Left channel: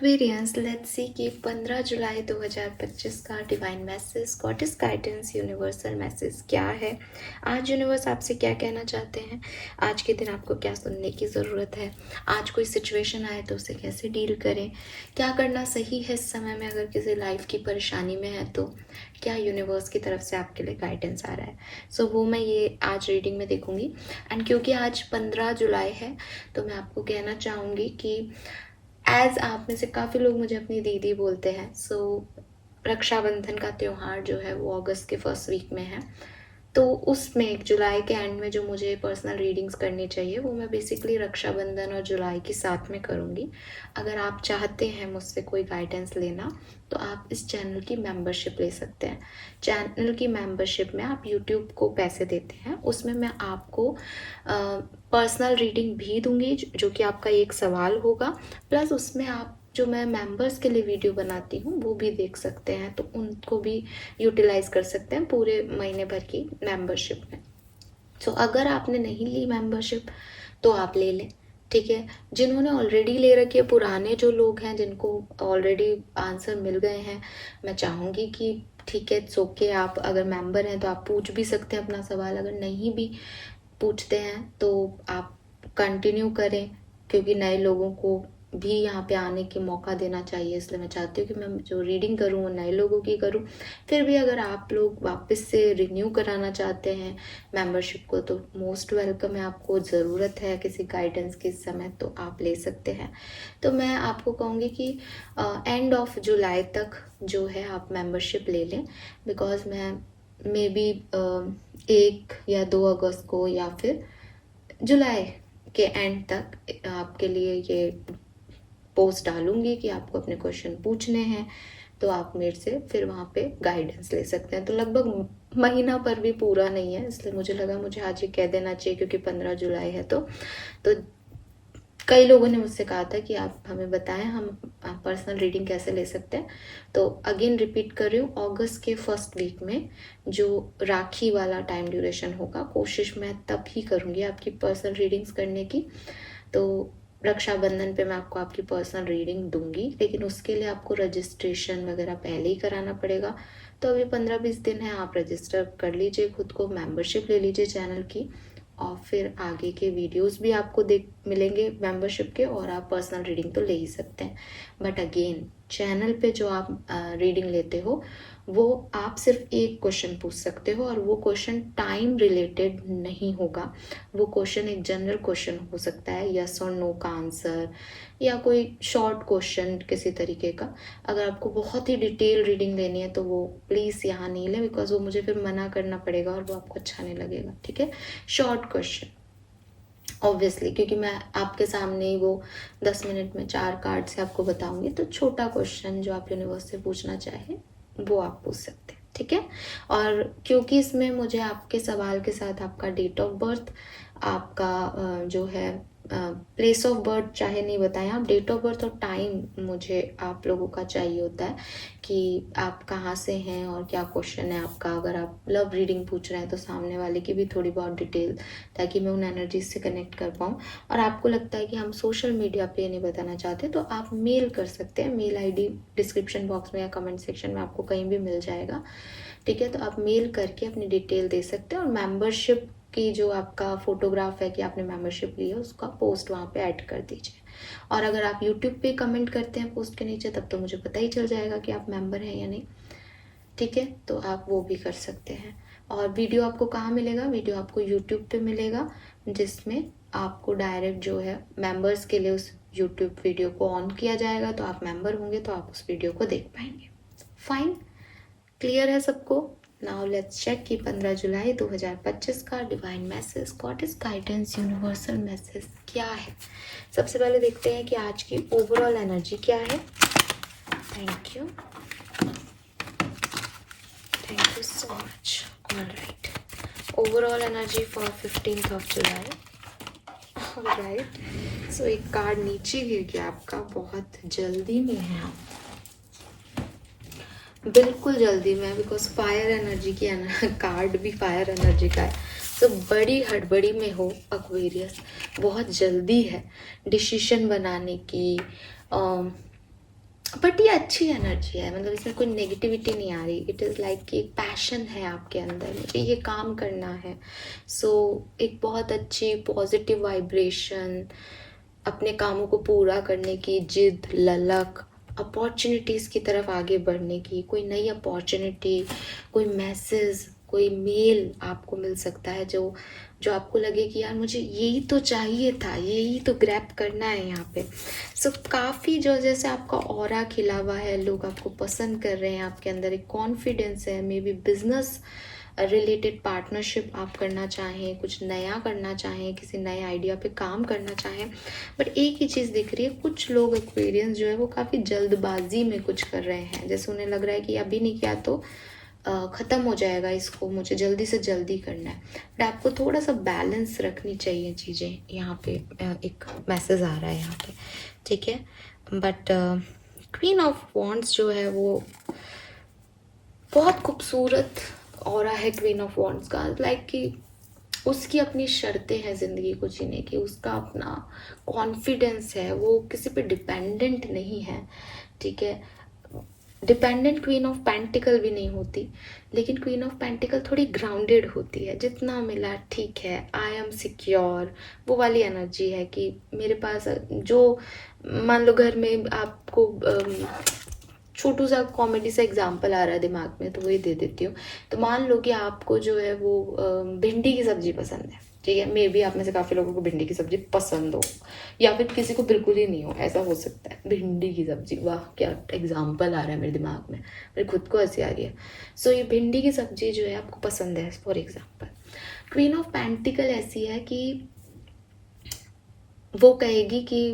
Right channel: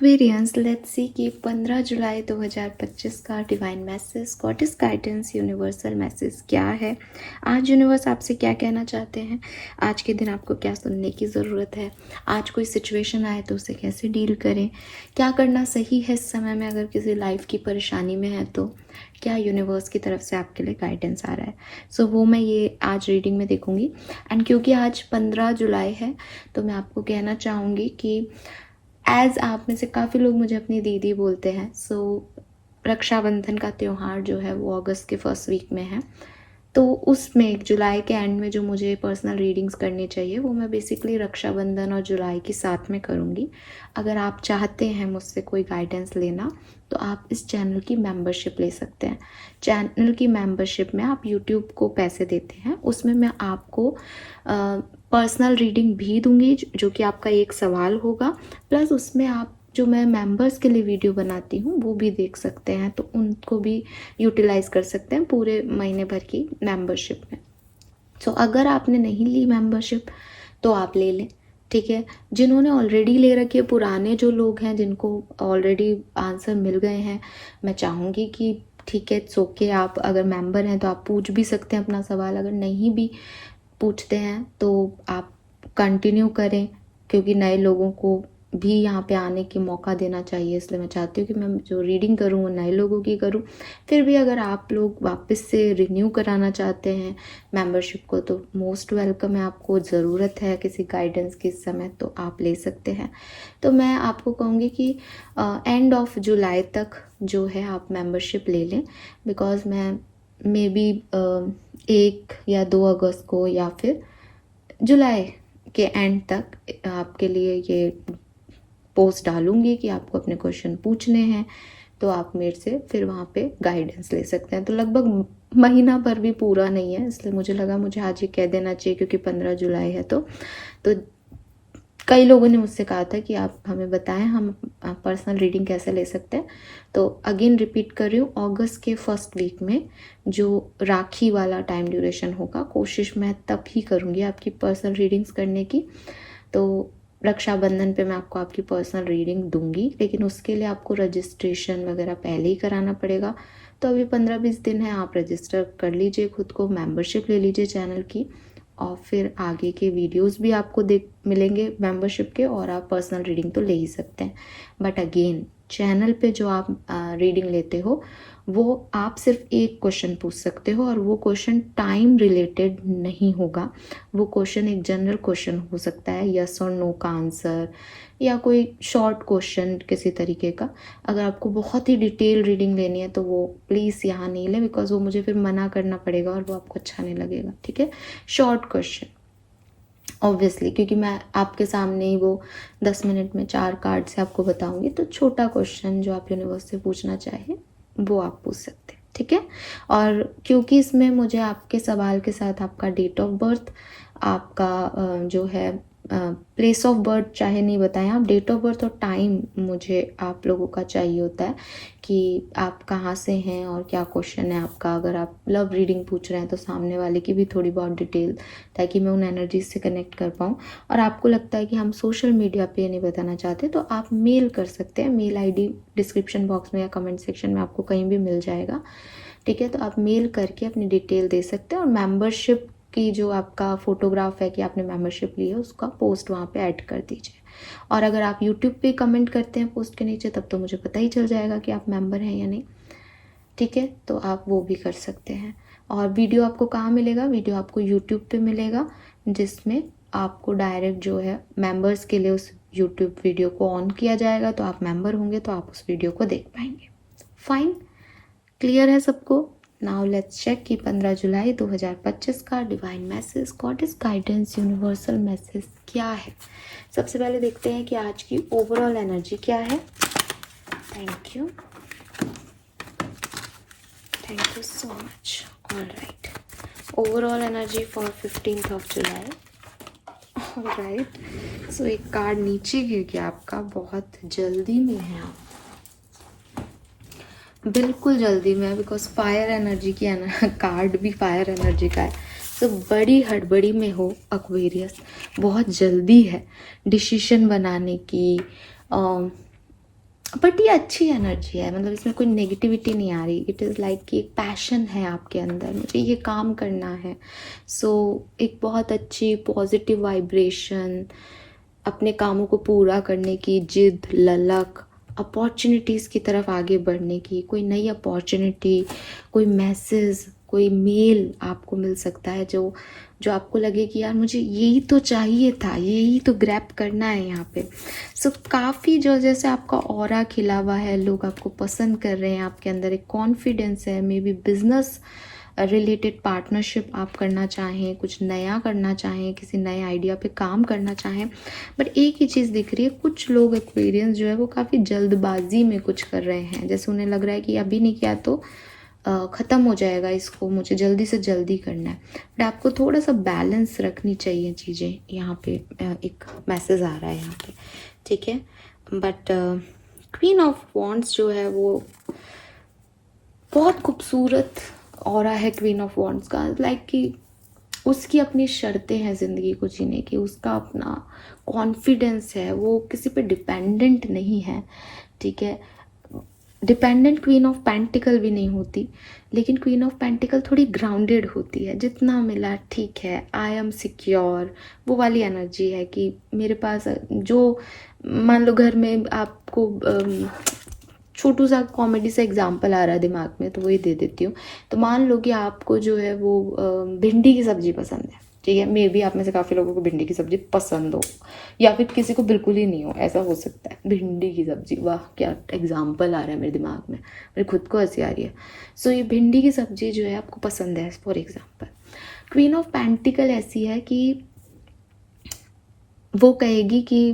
Aquarians, let's see कि 15 जुलाई 2025 का divine message, goddess guidance, universal message क्या है। आज यूनिवर्स आपसे क्या कहना चाहते हैं, आज के दिन आपको क्या सुनने की ज़रूरत है, आज कोई सिचुएशन आए तो उसे कैसे डील करें, क्या करना सही है इस समय में, अगर किसी लाइफ की परेशानी में है तो क्या यूनिवर्स की तरफ से आपके लिए गाइडेंस आ रहा है। सो वो मैं ये आज रीडिंग में देखूंगी। एंड क्योंकि आज 15 जुलाई है तो मैं आपको कहना चाहूँगी कि एज आप में से काफ़ी लोग मुझे अपनी दीदी बोलते हैं। सो रक्षाबंधन का त्यौहार जो है वो अगस्त के फर्स्ट वीक में है, तो उसमें जुलाई के एंड में जो मुझे पर्सनल रीडिंग्स करनी चाहिए वो मैं बेसिकली रक्षाबंधन और जुलाई के साथ में करूँगी। अगर आप चाहते हैं मुझसे कोई गाइडेंस लेना तो आप इस चैनल की मेंबरशिप ले सकते हैं। चैनल की मेंबरशिप में आप यूट्यूब को पैसे देते हैं, उसमें मैं आपको पर्सनल रीडिंग भी दूंगी जो कि आपका एक सवाल होगा, प्लस उसमें आप जो मैं मेंबर्स के लिए वीडियो बनाती हूँ वो भी देख सकते हैं, तो उनको भी यूटिलाइज कर सकते हैं पूरे महीने भर की मेंबरशिप में। तो अगर आपने नहीं ली मेंबरशिप तो आप ले लें, ठीक है। जिन्होंने ऑलरेडी ले रखी है, पुराने जो लोग हैं जिनको ऑलरेडी आंसर मिल गए हैं, मैं चाहूँगी कि ठीक है, सो के आप अगर मेंबर हैं तो आप पूछ भी सकते हैं अपना सवाल। अगर नहीं भी पूछते हैं तो आप कंटिन्यू करें, क्योंकि नए लोगों को भी यहाँ पे आने की मौका देना चाहिए। इसलिए मैं चाहती हूँ कि मैं जो रीडिंग करूँ वो नए लोगों की करूँ। फिर भी अगर आप लोग वापस से रिन्यू कराना चाहते हैं मेंबरशिप को तो मोस्ट वेलकम है, आपको ज़रूरत है किसी गाइडेंस की इस समय तो आप ले सकते हैं। तो मैं आपको कहूँगी कि एंड ऑफ जुलाई तक जो है आप मेंबरशिप ले लें, बिकॉज मैं मे बी 1 या 2 अगस्त को या फिर जुलाई के एंड तक आपके लिए ये पोस्ट डालूंगी कि आपको अपने क्वेश्चन पूछने हैं, तो आप मेरे से फिर वहाँ पे गाइडेंस ले सकते हैं। तो लगभग महीना भर भी पूरा नहीं है, इसलिए मुझे लगा मुझे आज ये कह देना चाहिए, क्योंकि 15 जुलाई है। तो कई लोगों ने मुझसे कहा था कि आप हमें बताएं हम पर्सनल रीडिंग कैसे ले सकते हैं। तो अगेन रिपीट कर रही हूँ, अगस्त के फर्स्ट वीक में जो राखी वाला टाइम ड्यूरेशन होगा, कोशिश मैं तब ही करूँगी आपकी पर्सनल रीडिंग्स करने की। तो रक्षाबंधन पे मैं आपको आपकी पर्सनल रीडिंग दूंगी, लेकिन उसके लिए आपको रजिस्ट्रेशन वगैरह पहले ही कराना पड़ेगा। तो अभी 15-20 दिन है, आप रजिस्टर कर लीजिए खुद को, मेंबरशिप ले लीजिए चैनल की, और फिर आगे के वीडियोस भी आपको मिलेंगे मेंबरशिप के, और आप पर्सनल रीडिंग तो ले ही सकते हैं। बट अगेन चैनल पे जो आप रीडिंग लेते हो वो आप सिर्फ एक क्वेश्चन पूछ सकते हो, और वो क्वेश्चन टाइम रिलेटेड नहीं होगा। वो क्वेश्चन एक जनरल क्वेश्चन हो सकता है, यस और नो का आंसर, या कोई शॉर्ट क्वेश्चन किसी तरीके का। अगर आपको बहुत ही डिटेल रीडिंग लेनी है तो वो प्लीज़ यहाँ नहीं लें, बिकॉज वो मुझे फिर मना करना पड़ेगा और वो आपको अच्छा नहीं लगेगा, ठीक है। शॉर्ट क्वेश्चन ऑब्वियसली, क्योंकि मैं आपके सामने ही वो 10 मिनट में 4 कार्ड से आपको बताऊंगी, तो छोटा क्वेश्चन जो आप यूनिवर्स से पूछना चाहें वो आप पूछ सकते हैं, ठीक है। और क्योंकि इसमें मुझे आपके सवाल के साथ आपका डेट ऑफ बर्थ, आपका जो है प्लेस ऑफ बर्थ चाहे नहीं बताएं आप, डेट ऑफ बर्थ और टाइम मुझे आप लोगों का चाहिए होता है कि आप कहाँ से हैं और क्या क्वेश्चन है आपका। अगर आप लव रीडिंग पूछ रहे हैं तो सामने वाले की भी थोड़ी बहुत डिटेल, ताकि मैं उन एनर्जीज से कनेक्ट कर पाऊँ। और आपको लगता है कि हम सोशल मीडिया पे नहीं बताना चाहते तो आप मेल कर सकते हैं, मेल आईडी डिस्क्रिप्शन बॉक्स में या कमेंट सेक्शन में आपको कहीं भी मिल जाएगा, ठीक है। तो आप मेल करके अपनी डिटेल दे सकते हैं, और मेंबरशिप की जो आपका फोटोग्राफ है कि आपने मेंबरशिप ली है उसका पोस्ट वहाँ पे ऐड कर दीजिए। और अगर आप यूट्यूब पे कमेंट करते हैं पोस्ट के नीचे तब तो मुझे पता ही चल जाएगा कि आप मेंबर हैं या नहीं, ठीक है। तो आप वो भी कर सकते हैं। और वीडियो आपको कहाँ मिलेगा, वीडियो आपको यूट्यूब पे मिलेगा, जिसमें आपको डायरेक्ट जो है मेंबर्स के लिए उस यूट्यूब वीडियो को ऑन किया जाएगा, तो आप मेंबर होंगे तो आप उस वीडियो को देख पाएंगे। फाइन, क्लियर है सबको। नाउ लेट्स चेक कि 15 जुलाई 2025 का divine message, goddess guidance, universal message क्या है। सबसे पहले देखते हैं कि आज की ओवरऑल एनर्जी क्या है। Thank you so much. Alright, overall energy for 15th of July. Alright, so एक कार्ड नीचे गिर गया आपका, बहुत जल्दी में है आप, बिल्कुल जल्दी में, बिकॉज फायर एनर्जी की कार्ड भी फायर एनर्जी का है। तो बड़ी हड़बड़ी में हो एक्वेरियस, बहुत जल्दी है डिसीजन बनाने की, बट ये अच्छी एनर्जी है, मतलब इसमें कोई नेगेटिविटी नहीं आ रही। इट इज़ लाइक कि एक पैशन है आपके अंदर, मुझे ये काम करना है। सो एक बहुत अच्छी पॉजिटिव वाइब्रेशन, अपने कामों को पूरा करने की जिद, ललक, अपॉर्चुनिटीज़ की तरफ आगे बढ़ने की, कोई नई अपॉर्चुनिटी, कोई मैसेज, कोई मेल आपको मिल सकता है जो जो आपको लगे कि यार मुझे यही तो चाहिए था, यही तो ग्रैब करना है यहाँ पे। सो काफ़ी जो जैसे आपका ऑरा खिला हुआ है, लोग आपको पसंद कर रहे हैं, आपके अंदर एक कॉन्फिडेंस है। May be business related partnership आप करना चाहें, कुछ नया करना चाहें, किसी नए आइडिया पे काम करना चाहें। बट एक ही चीज़ दिख रही है, कुछ लोग एक्सपीरियंस जो है वो काफ़ी जल्दबाजी में कुछ कर रहे हैं, जैसे उन्हें लग रहा है कि अभी नहीं किया तो ख़त्म हो जाएगा, इसको मुझे जल्दी से जल्दी करना है। बट आपको थोड़ा सा बैलेंस रखनी चाहिए चीज़ें। यहाँ पे एक मैसेज आ रहा है यहाँ पे, ठीक है। बट क्वीन ऑफ वॉन्ड्स जो है वो बहुत खूबसूरत ऑरा है क्वीन ऑफ वॉन्ड्स का। लाइक कि उसकी अपनी शर्तें हैं ज़िंदगी को जीने की, उसका अपना कॉन्फिडेंस है, वो किसी पे डिपेंडेंट नहीं है, ठीक है। डिपेंडेंट क्वीन ऑफ पेंटिकल भी नहीं होती, लेकिन क्वीन ऑफ पेंटिकल थोड़ी ग्राउंडेड होती है। जितना मिला ठीक है, आई एम सिक्योर, वो वाली एनर्जी है कि मेरे पास जो, मान लो घर में आपको छोटू सा कॉमेडी सा एग्जाम्पल आ रहा है दिमाग में, तो वही दे देती हूँ। तो मान लो कि आपको जो है वो भिंडी की सब्जी पसंद है, ठीक है। मे बी आप में से काफ़ी लोगों को भिंडी की सब्जी पसंद हो, या फिर किसी को बिल्कुल ही नहीं हो, ऐसा हो सकता है। भिंडी की सब्जी, वाह क्या एग्जाम्पल आ रहा है मेरे दिमाग में, मेरे खुद को हंसी आ रही है। सो ये भिंडी की सब्जी जो है आपको पसंद है, for example. Queen of pentacle ऐसी है कि वो कहेगी कि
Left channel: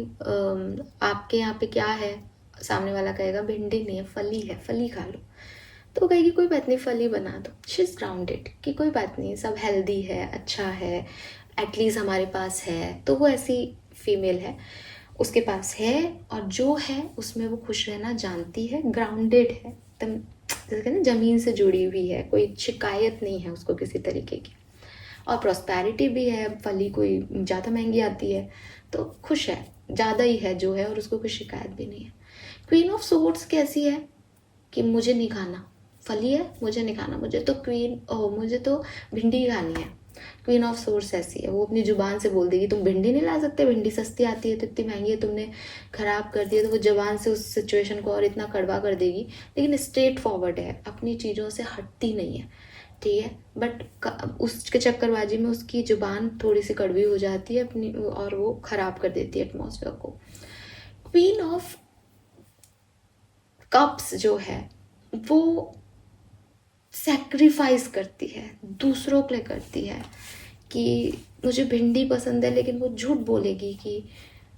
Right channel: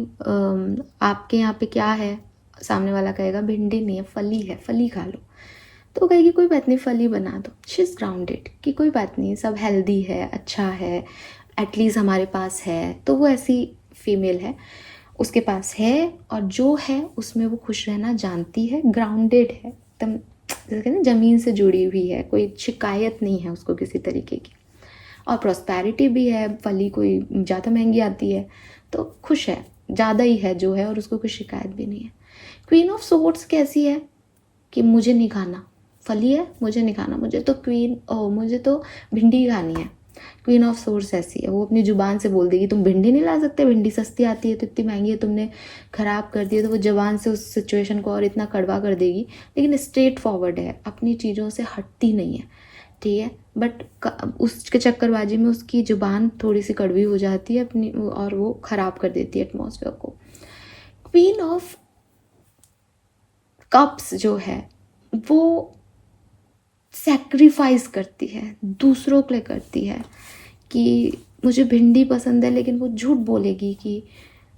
आपके यहाँ पे क्या है, सामने वाला कहेगा भिंडी नहीं है, फली है, फली खा लो। तो वो कहेगी कोई बात नहीं, फली बना दो। शी इज़ ग्राउंडेड कि कोई बात नहीं, सब हेल्दी है, अच्छा है, एटलीस्ट हमारे पास है। तो वो ऐसी फीमेल है, उसके पास है, और जो है उसमें वो खुश रहना जानती है, ग्राउंडेड है एकदम, जैसे कहते हैं ज़मीन से जुड़ी हुई है, कोई शिकायत नहीं है उसको किसी तरीके की। और प्रॉस्पेरिटी भी है, फली कोई ज़्यादा महंगी आती है तो खुश है, ज़्यादा ही है जो है, और उसको कोई शिकायत भी नहीं है। क्वीन ऑफ सोर्ड्स कैसी है कि मुझे नहीं खाना, फली है, मुझे नहीं खाना, मुझे तो भिंडी खानी है। क्वीन ऑफ सोर्ड्स ऐसी है, वो अपनी जुबान से बोल देगी तुम भिंडी नहीं ला सकते, भिंडी सस्ती आती है तो इतनी महंगी है, तुमने खराब कर दिया। तो वो जुबान से उस सिचुएशन को और इतना कड़वा कर देगी, लेकिन स्ट्रेट फॉरवर्ड है, अपनी चीज़ों से हटती नहीं है, ठीक है। बट उसके चक्करबाजी में उसकी जुबान थोड़ी सी कड़वी हो जाती है अपनी, और वो खराब कर देती है एटमॉस्फेयर को। क्वीन ऑफ कप्स जो है वो सैक्रिफाइस करती है, दूसरों के लिए करती है। कि मुझे भिंडी पसंद है, लेकिन वो झूठ बोलेगी कि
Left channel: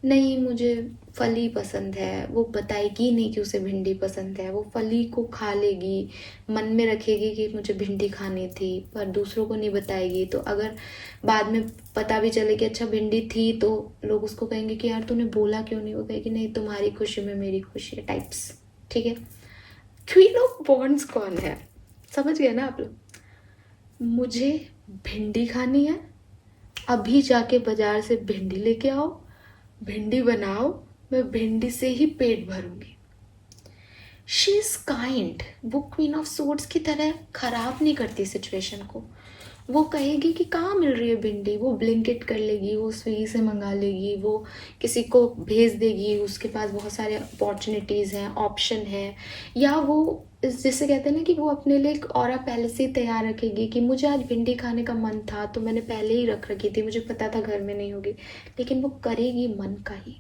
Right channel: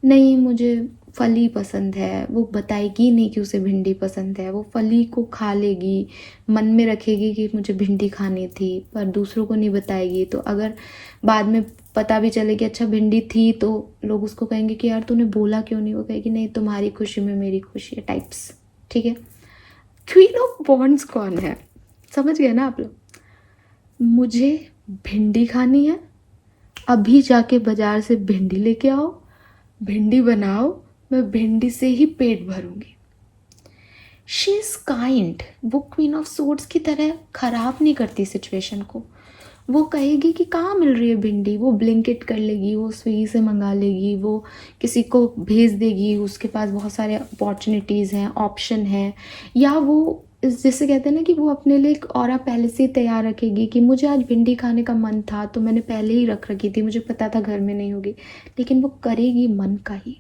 नहीं मुझे फली पसंद है, वो बताएगी नहीं कि उसे भिंडी पसंद है, वो फली को खा लेगी, मन में रखेगी कि मुझे भिंडी खानी थी, पर दूसरों को नहीं बताएगी। तो अगर बाद में पता भी चले कि अच्छा भिंडी थी, तो लोग उसको कहेंगे कि यार तूने बोला क्यों नहीं, वो कहेगी नहीं तुम्हारी खुशी में मेरी खुशी है, टाइप्स, ठीक है। क्वीन ऑफ वॉन्ड्स कौन है, समझ गए ना आप लोग। मुझे भिंडी खानी है, अभी जाके बाजार से भिंडी लेके आओ, भिंडी बनाओ, मैं भिंडी से ही पेट भरूंगी। शी इज काइंड, वो क्वीन ऑफ सोर्ड्स की तरह खराब नहीं करती सिचुएशन को। वो कहेगी कि कहाँ मिल रही है भिंडी, वो ब्लिंकिट कर लेगी, वो स्विगी से मंगा लेगी, वो किसी को भेज देगी, उसके पास बहुत सारे अपॉर्चुनिटीज़ हैं, ऑप्शन हैं। या वो जैसे कहते हैं ना कि वो अपने लिए एक ऑरा पहले से ही तैयार रखेगी कि मुझे आज भिंडी खाने का मन था तो मैंने पहले ही रख रखी थी, मुझे पता था घर में नहीं होगी, लेकिन वो करेगी मन का ही।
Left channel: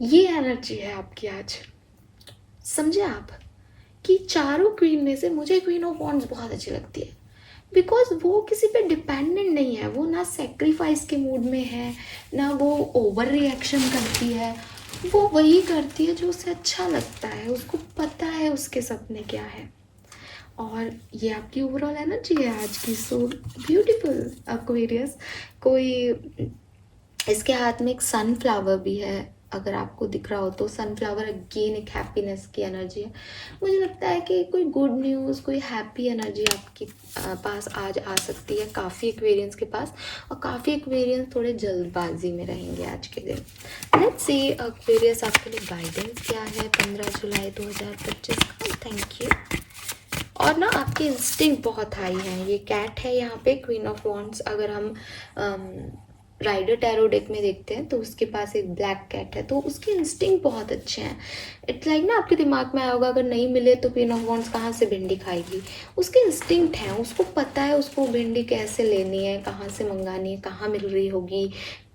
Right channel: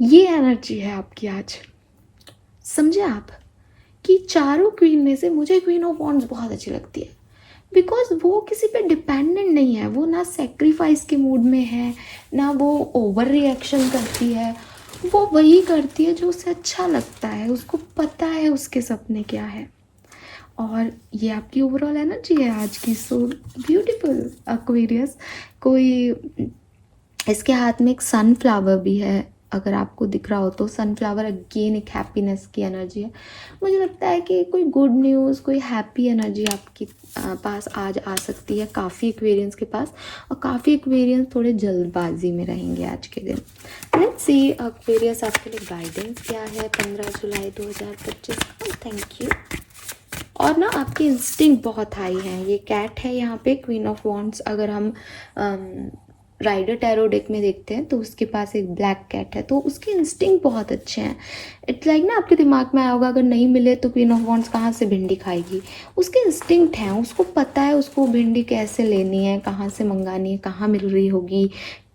ये एनर्जी है आपकी आज, समझे आप। कि चारों क्वीन में से मुझे क्वीन ऑफ वॉन्ड्स बहुत अच्छी लगती है, बिकॉज वो किसी पे डिपेंडेंट नहीं है, वो ना सेक्रीफाइस के मूड में है, ना वो ओवर रिएक्शन करती है, वो वही करती है जो उसे अच्छा लगता है, उसको पता है उसके सपने क्या है। और ये आपकी ओवरऑल एनर्जी है आज की। So beautiful Aquarius. कोई इसके हाथ में एक सनफ्लावर भी है, अगर आपको दिख रहा हो तो सनफ्लावर अगेन एक हैप्पीनेस की एनर्जी है। मुझे लगता है कि कोई गुड न्यूज़, कोई हैप्पी एनर्जी आपके पास आज आ सकती है काफ़ी एक्वेरियंस के पास, और काफ़ी एक्वेरियंस थोड़े जल्दबाजी में रहेंगे आज के दिन। लेट्स सी एक्वेरियस आपके लिए गाइडेंस क्या है 15 जुलाई 2025 का। Thank you. और ना आपके इंस्टिंक्ट बहुत हाई है। ये कैट है यहाँ पे, क्वीन ऑफ वॉन्ड्स। अगर हम राइडर टैरो डेक में देखते हैं तो उसके पास एक ब्लैक कैट है, तो उसके इंस्टिंक्ट बहुत अच्छे हैं। इट्स लाइक ना आपके दिमाग में आया होगा अगर नहीं मिले तो क्वीन ऑफ वॉन्ड्स कहाँ से भिंडी खाएगी। उसके इंस्टिंक्ट हैं, उसको पता है उसको भिंडी कैसे लेनी है, कहाँ से मंगानी है, कहाँ मिल रही होगी,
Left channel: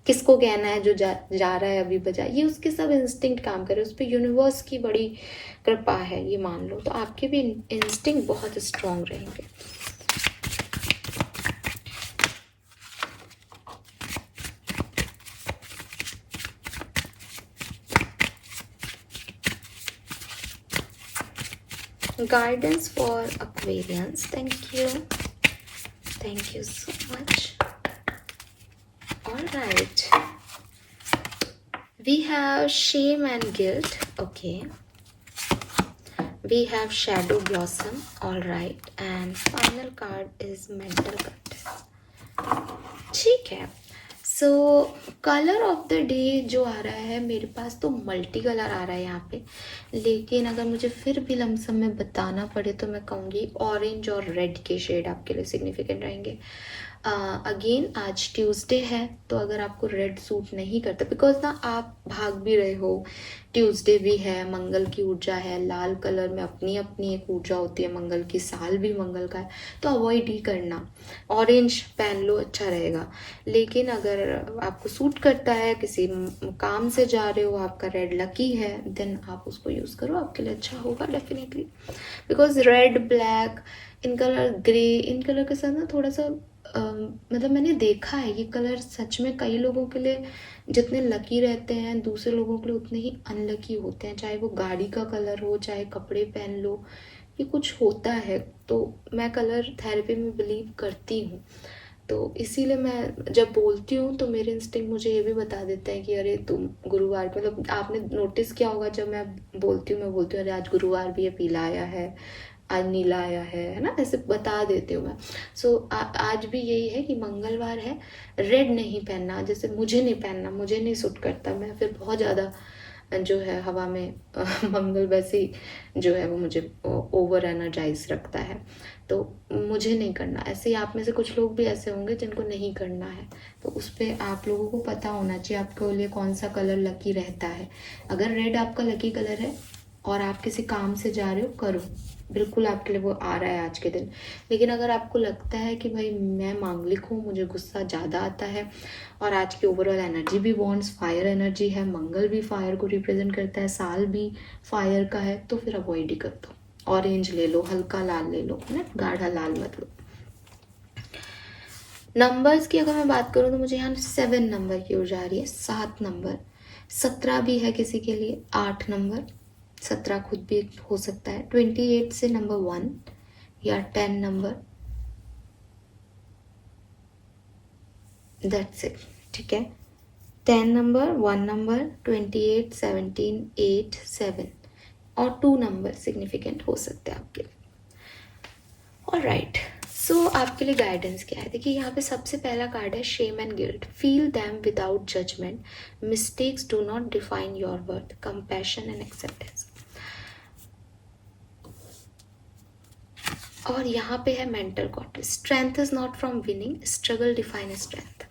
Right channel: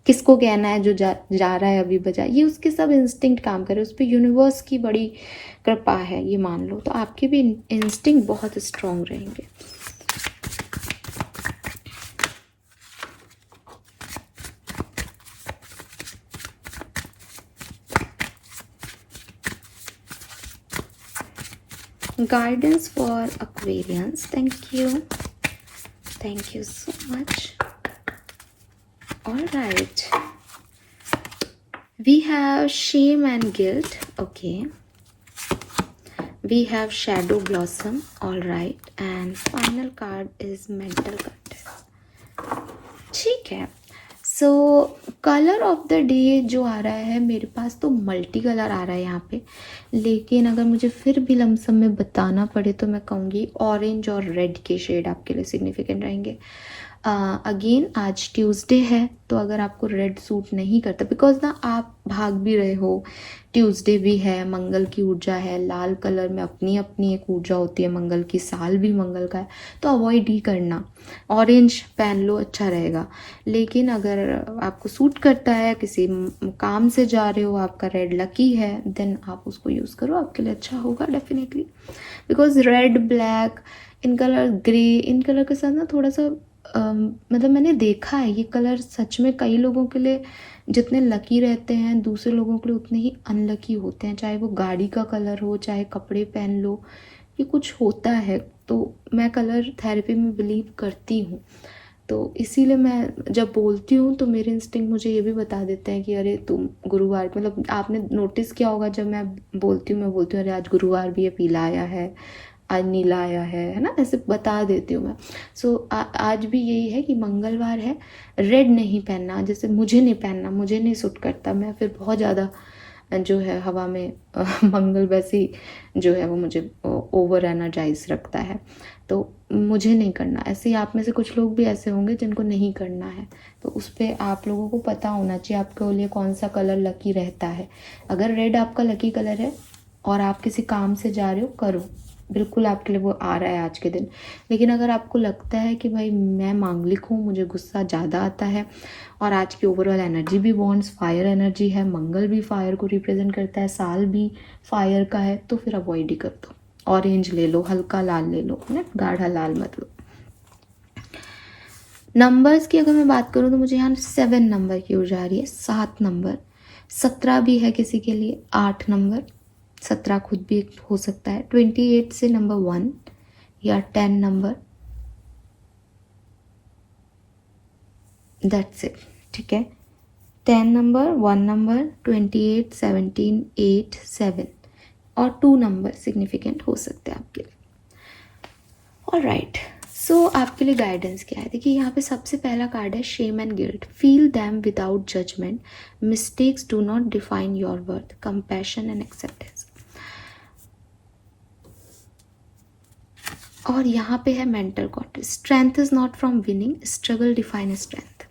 किसको कहना है जो जा रहा है अभी बजाय। ये उसके सब इंस्टिंक्ट काम करे, उस पर यूनिवर्स की बड़ी कृपा है, ये मान लो। तो आपके भी इंस्टिंक्ट बहुत स्ट्रांग रहेंगे। Guidance for Aquarians. Thank you so much. All right, we have shame and guilt. Okay, we have shadow blossom. All right, and final card is mental content. ठीक है। सो कलर ऑफ द डे जो आ रहा है मेरे पास तो multi colour आ रहा है यहाँ पे, लेकिन अगर मुझे फिर भी लमसम में बताना पड़े तो मैं कहूँगी ऑरेंज और रेड के शेड आपके लिए सिग्निफिकेंट रहेंगे। अगेन आज ट्यूसडे है, तो अगर आपको रेड सूट नहीं करता, बिकॉज ना आप भाग भी रहे हो, ट्यूसडे भी है, मंगल की ऊर्जा है, लाल कलर में अपनी अपनी एक ऊर्जा होती है मंगल की, साल भी मंगल का है, तो अवॉइड ही करना। ऑरेंज पहन लो, अच्छा रहेगा। लेकिन अगर आपको सूट करता है, किसी काम से जा रहे हो, आपका रेड लकी है, देन आप उसको यूज़ करो, आपके लिए अच्छा होगा definitely. Because red, black, in colour, grey, in colour के साथ ना थोड़ा सा मतलब मैंने देखा है ये कलर सच में कई लोगों के लिए जितने लकी रहते हैं, दूसरे लोगों के लिए उतने ही अनलकी होते हैं। चाहे वो गाड़ी का कलर हो, चाहे कपड़े पहन लो, ये कुछ होता है। तो मैं कलर थेरेपी में बिलीव करती हूँ, तो इसीलिए मैं जब बोलती हूँ तो मेरे इंस्टिंक्ट मुझे ये भी बता देते हैं कि अरे तुम गुरुवार, मतलब आपने नोटिस किया होगा जब मैं बोलती हूँ अरे आज गुरुवार भी है, पीला आया है, आज नीला आया है ना, ऐसे बता देती हूँ मैं। सो आज भी यही है कि मंगलवार है, रेड नहीं पहनना, जैसे मुझे नहीं पहनना, मुझे नहीं सूट करता, मैं फिर बहुत ज़्यादा जो है हवा में मंगल वैसे ही जो है वो मुझे ओवर एनर्जाइज रखता है, तो मुझे नहीं करना। ऐसे ही आप में से कुछ लोग भी ऐसे होंगे जिनको नहीं करना है, तो उस पर आप लोगों को पता होना चाहिए आपके लिए कौन सा कलर लकी रहता है। अगर रेड आपका लकी कलर है और आप किसी काम से जा रहे हो, करो, बिल्कुल आपके लिए वो आ रहा है आज के दिन। लेकिन अगर आपको लगता है कि भाई मैं मांगलिक हूँ, मुझे गुस्सा ज़्यादा आता है, और आज की ओवरऑल एनर्जी भी वॉन्ड्स फायर एनर्जी है, मंगल भी फायर को रिप्रेजेंट करता है, साल भी फायर का है, तो फिर अवॉइड ही कर दो। ऑरेंज ले लो, हल्का लाल ले लो, है ना, गाढ़ा लाल मत लो। नंबर्स की अगर मैं बात करूँ तो मुझे यहाँ 7 नंबर की ऊर्जा आ रही है, 7 नंबर, 17 भी है किसी के लिए, 8 नंबर, 17 खुद भी हो सकता है, 28 से नंबर 1 या 10 नंबर, दैट्स इट। ठीक है, 10 नंबर, 1 नंबर, 28, 17, 8, 7 और 2 नंबर सिग्निफिकेंट हो सकते हैं आपके लिए। ऑलराइट, सो आपके लिए गाइडेंस क्या है? देखिए यहाँ पे सबसे पहला कार्ड है shame and guilt. Feel them without judgment, mistakes do not define your worth, compassion and acceptance. और यहाँ पे है mental court, strength is not from winning, struggle define strength.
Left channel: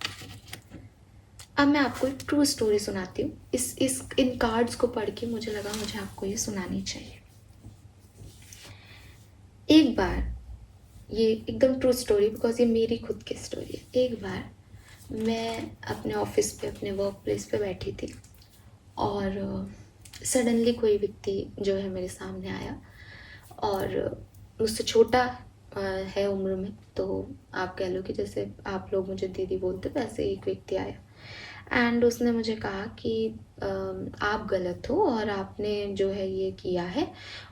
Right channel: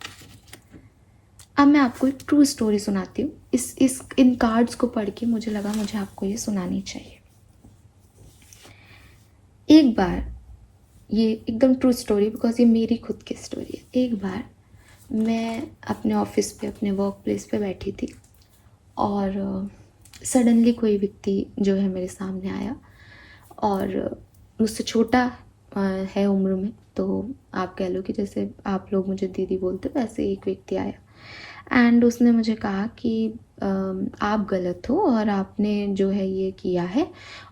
अब मैं आपको एक ट्रू स्टोरी सुनाती हूँ। इन कार्ड्स को पढ़ के मुझे लगा मुझे आपको ये सुनानी चाहिए। एक बार, ये एकदम ट्रू स्टोरी, बिकॉज ये मेरी खुद की स्टोरी है। एक बार मैं अपने ऑफिस पे, अपने वर्क प्लेस पे बैठी थी, और सडनली कोई व्यक्ति जो है मेरे सामने आया, और मुझसे छोटा है उम्र में, तो आप कह लो कि जैसे आप लोग मुझे दीदी बोलते हो, वैसे एक व्यक्ति आया। एंड उसने मुझे कहा कि आप गलत हो और आपने जो है ये किया है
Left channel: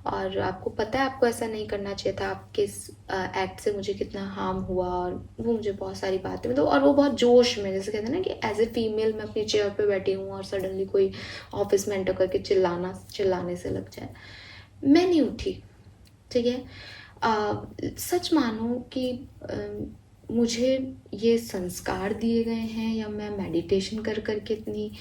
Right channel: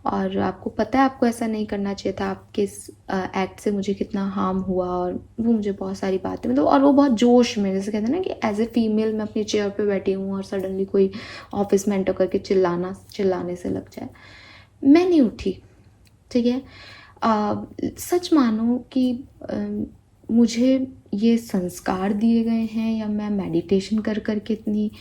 और आपको पता है आपको ऐसा नहीं करना चाहिए था, आपके इस एक्ट से मुझे कितना हार्म हुआ। और वो मुझे बहुत सारी बातें मतलब, और वो बहुत जोश में, जैसे कहते हैं ना कि एज ए फीमेल मैं अपनी चेयर पे बैठी हूँ और सडनली कोई ऑफिस में एंटर करके चिल्लाने से लग जाए। मैं नहीं उठी, ठीक है। सच मानो कि मुझे ये संस्कार दिए गए हैं या मैं मेडिटेशन कर कर के इतनी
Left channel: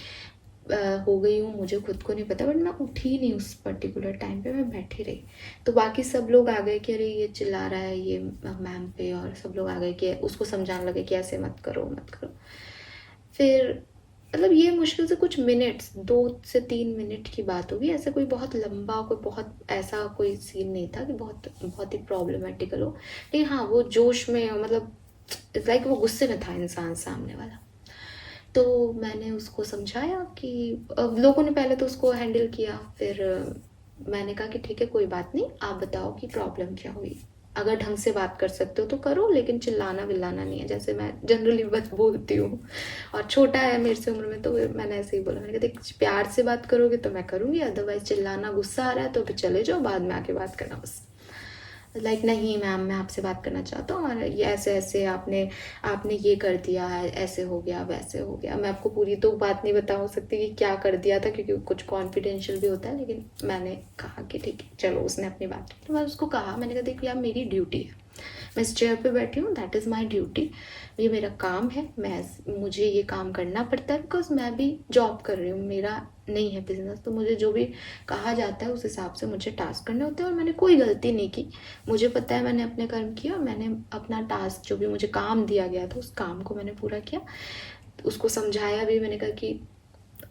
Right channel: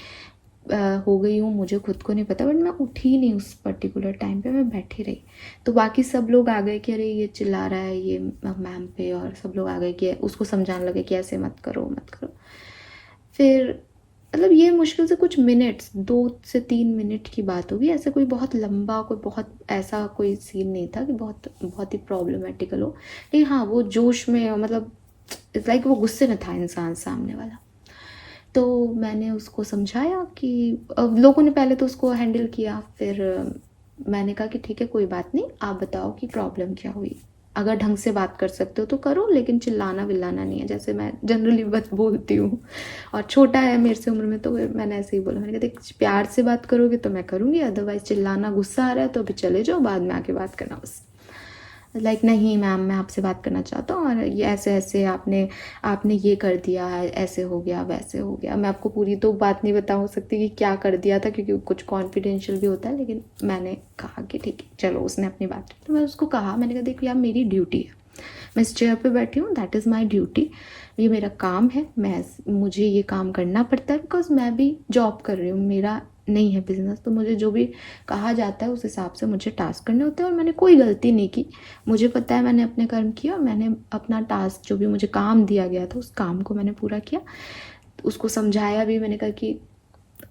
हो गई हूँ, मुझे खुद को नहीं पता, बट मैं उठी नहीं उस पर्टिकुलर टाइम पे, मैं बैठी रही। तो बाकी सब लोग आ गए कि अरे ये चिल्ला रहा है ये मैम पे, और सब लोग आ गए कि उसको समझाने लगे कि ऐसे मत करो मत करो। फिर मतलब ये मुश्किल से कुछ मिनट्स, 2 से 3 मिनट की बात होगी, ऐसे कोई बहुत लंबा, कोई बहुत ऐसा कोई सीन नहीं था कि बहुत बहुत ही प्रॉब्लमेटिकल हो। लेकिन हाँ, वो जोश में मतलब इट्स लाइक वो गुस्से में था इंसान सामने वाला। तो मैंने उसको समझाया कि लोगों ने पहले तो उसको हैंडल किया, फिर मैंने कहा कि ठीक है कोई बात नहीं, आप बताओ कि प्रॉब्लम क्या हुई, अगर ढंग से बात कर सकते हो तो करो, लेकिन चिल्लाना विल्लाना नहीं है, जैसे मैं जनरली बस बोलती हूँ। और छोटा है मेरे से उम्र में, तो मैंने ऐसे ही बोला, मैंने कहा देख प्यार से बात करोगे तो मैं करूँगी, अदरवाइज चिल्लाना गुस्सा आ रहा है तो फिर चले जाओ, बाद में आके बात करना बस। लाइक नहीं मैम मैं आपसे बात करना चाहता हूँ और ये ऐसे ऐसे आपने आपने ये कर दिया, ऐसे हो गया वैसे हो गया। मैं आपको पूरी तो बात नहीं बता सकती कि क्या कर दिया था, क्योंकि कुछ कॉन्फिडेंशियल भी होता है, लेकिन मैंने कहा कि ठीक है चलो, उसने अपनी बात की। तो मैं उसको कहा, मैंने कहा देखो यार मेरी ड्यूटी है, मैं इस चेयर पे बैठी हूँ, दैट इज़ माई ड्यूटी, ये मेरा काम है, मुझे ये काम करना पड़ता है, बिकॉज मैं भी जॉब कर रही हूँ, मेरा नहीं है बिजनेस, तो मुझे जो भी कहा जाता है उस हिसाब से मुझे टास्क करने होते हैं। और मैंने कोई गलती नहीं की, मुझे पता है मैंने अपने कर्म किया और मैंने अपना टास्क जो भी मुझे काम दिया गया था उस काम को मैंने पूरा किया। उसको समझाया भी, मैंने कहा कि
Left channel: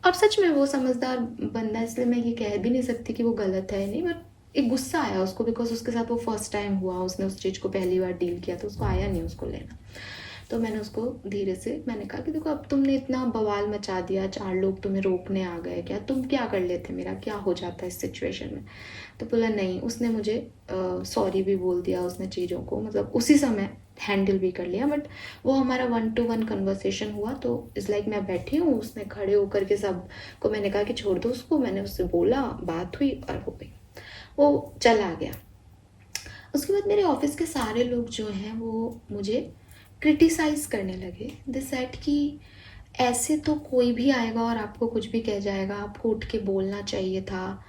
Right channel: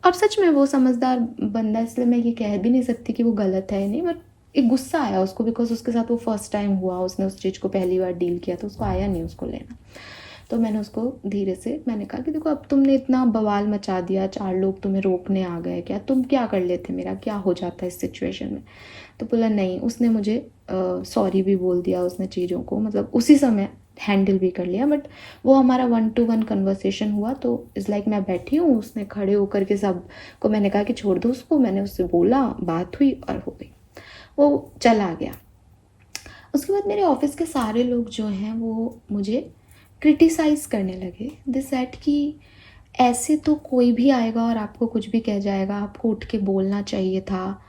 अब सच में वो समझदार बंदा है, इसलिए मैं ये कह भी नहीं सकती कि वो गलत है नहीं, बट एक गुस्सा आया उसको, बिकॉज उसके साथ वो फर्स्ट टाइम हुआ, उसने उस चीज़ को पहली बार डील किया, तो उसको आया नहीं उसको लेना। तो मैंने उसको धीरे से मैंने कहा कि देखो अब तुमने इतना बवाल मचा दिया, 4 लोग तुम्हें रोकने आ गए, क्या तुम क्या कर लेते, मेरा क्या हो जाता है इस सिचुएशन में। तो बोला नहीं, उसने मुझे सॉरी भी बोल दिया, उसने चीज़ों को मतलब उसी समय हैंडल भी कर लिया। बट वो हमारा 1-to-1 कन्वर्सेशन हुआ, तो इज़ लाइक मैं बैठी हूँ, उसने खड़े होकर के सब को मैंने कहा कि छोड़ दो उसको, मैंने उससे बोला, बात हुई और हो गई, वो चला गया। उसके बाद मेरे ऑफिस के सारे लोग जो हैं वो मुझे क्रिटिसाइज़ करने लगे। दे सेड कि ऐसे तो कोई भी आएगा और आपको कुछ भी कह जाएगा, आपको उठ के बोलना चाहिए था।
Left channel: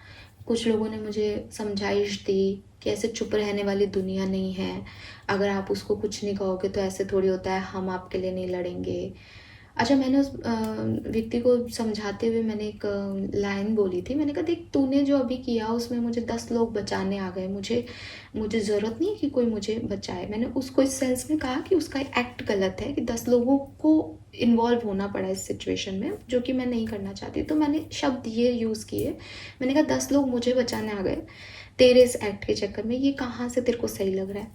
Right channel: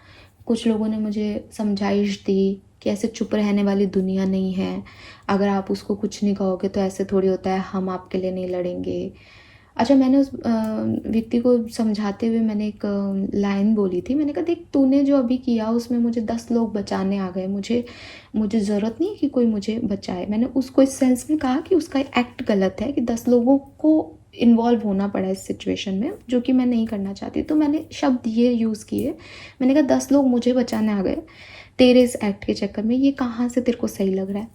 कुछ लोगों ने मुझे समझाइश दी कि ऐसे चुप रहने वाली दुनिया नहीं है, अगर आप उसको कुछ नहीं कहोगे तो ऐसे थोड़ी होता है, हम आपके लिए नहीं लड़ेंगे। अच्छा, मैंने उस व्यक्ति को समझाते हुए मैंने एक लाइन बोली थी, मैंने कहा देख तूने जो अभी किया उसमें मुझे 10 लोग बचाने आ गए, मुझे मुझे ज़रूरत नहीं है कि कोई मुझे बचाए। मैंने उसको इस सेंस में कहा कि उसका एक्ट गलत है कि 10 लोगों को इन्वॉल्व होना पड़ा इस सिचुएशन में, जो कि मैं नहीं करना चाहती। तो मैंने शब्द ये यूज़ किए, मैंने कहा 10 लोग मुझे बचाने आ गए तेरे इस एक्ट के चक्कर में, ये कहाँ से तेरे को सही लग रहा है।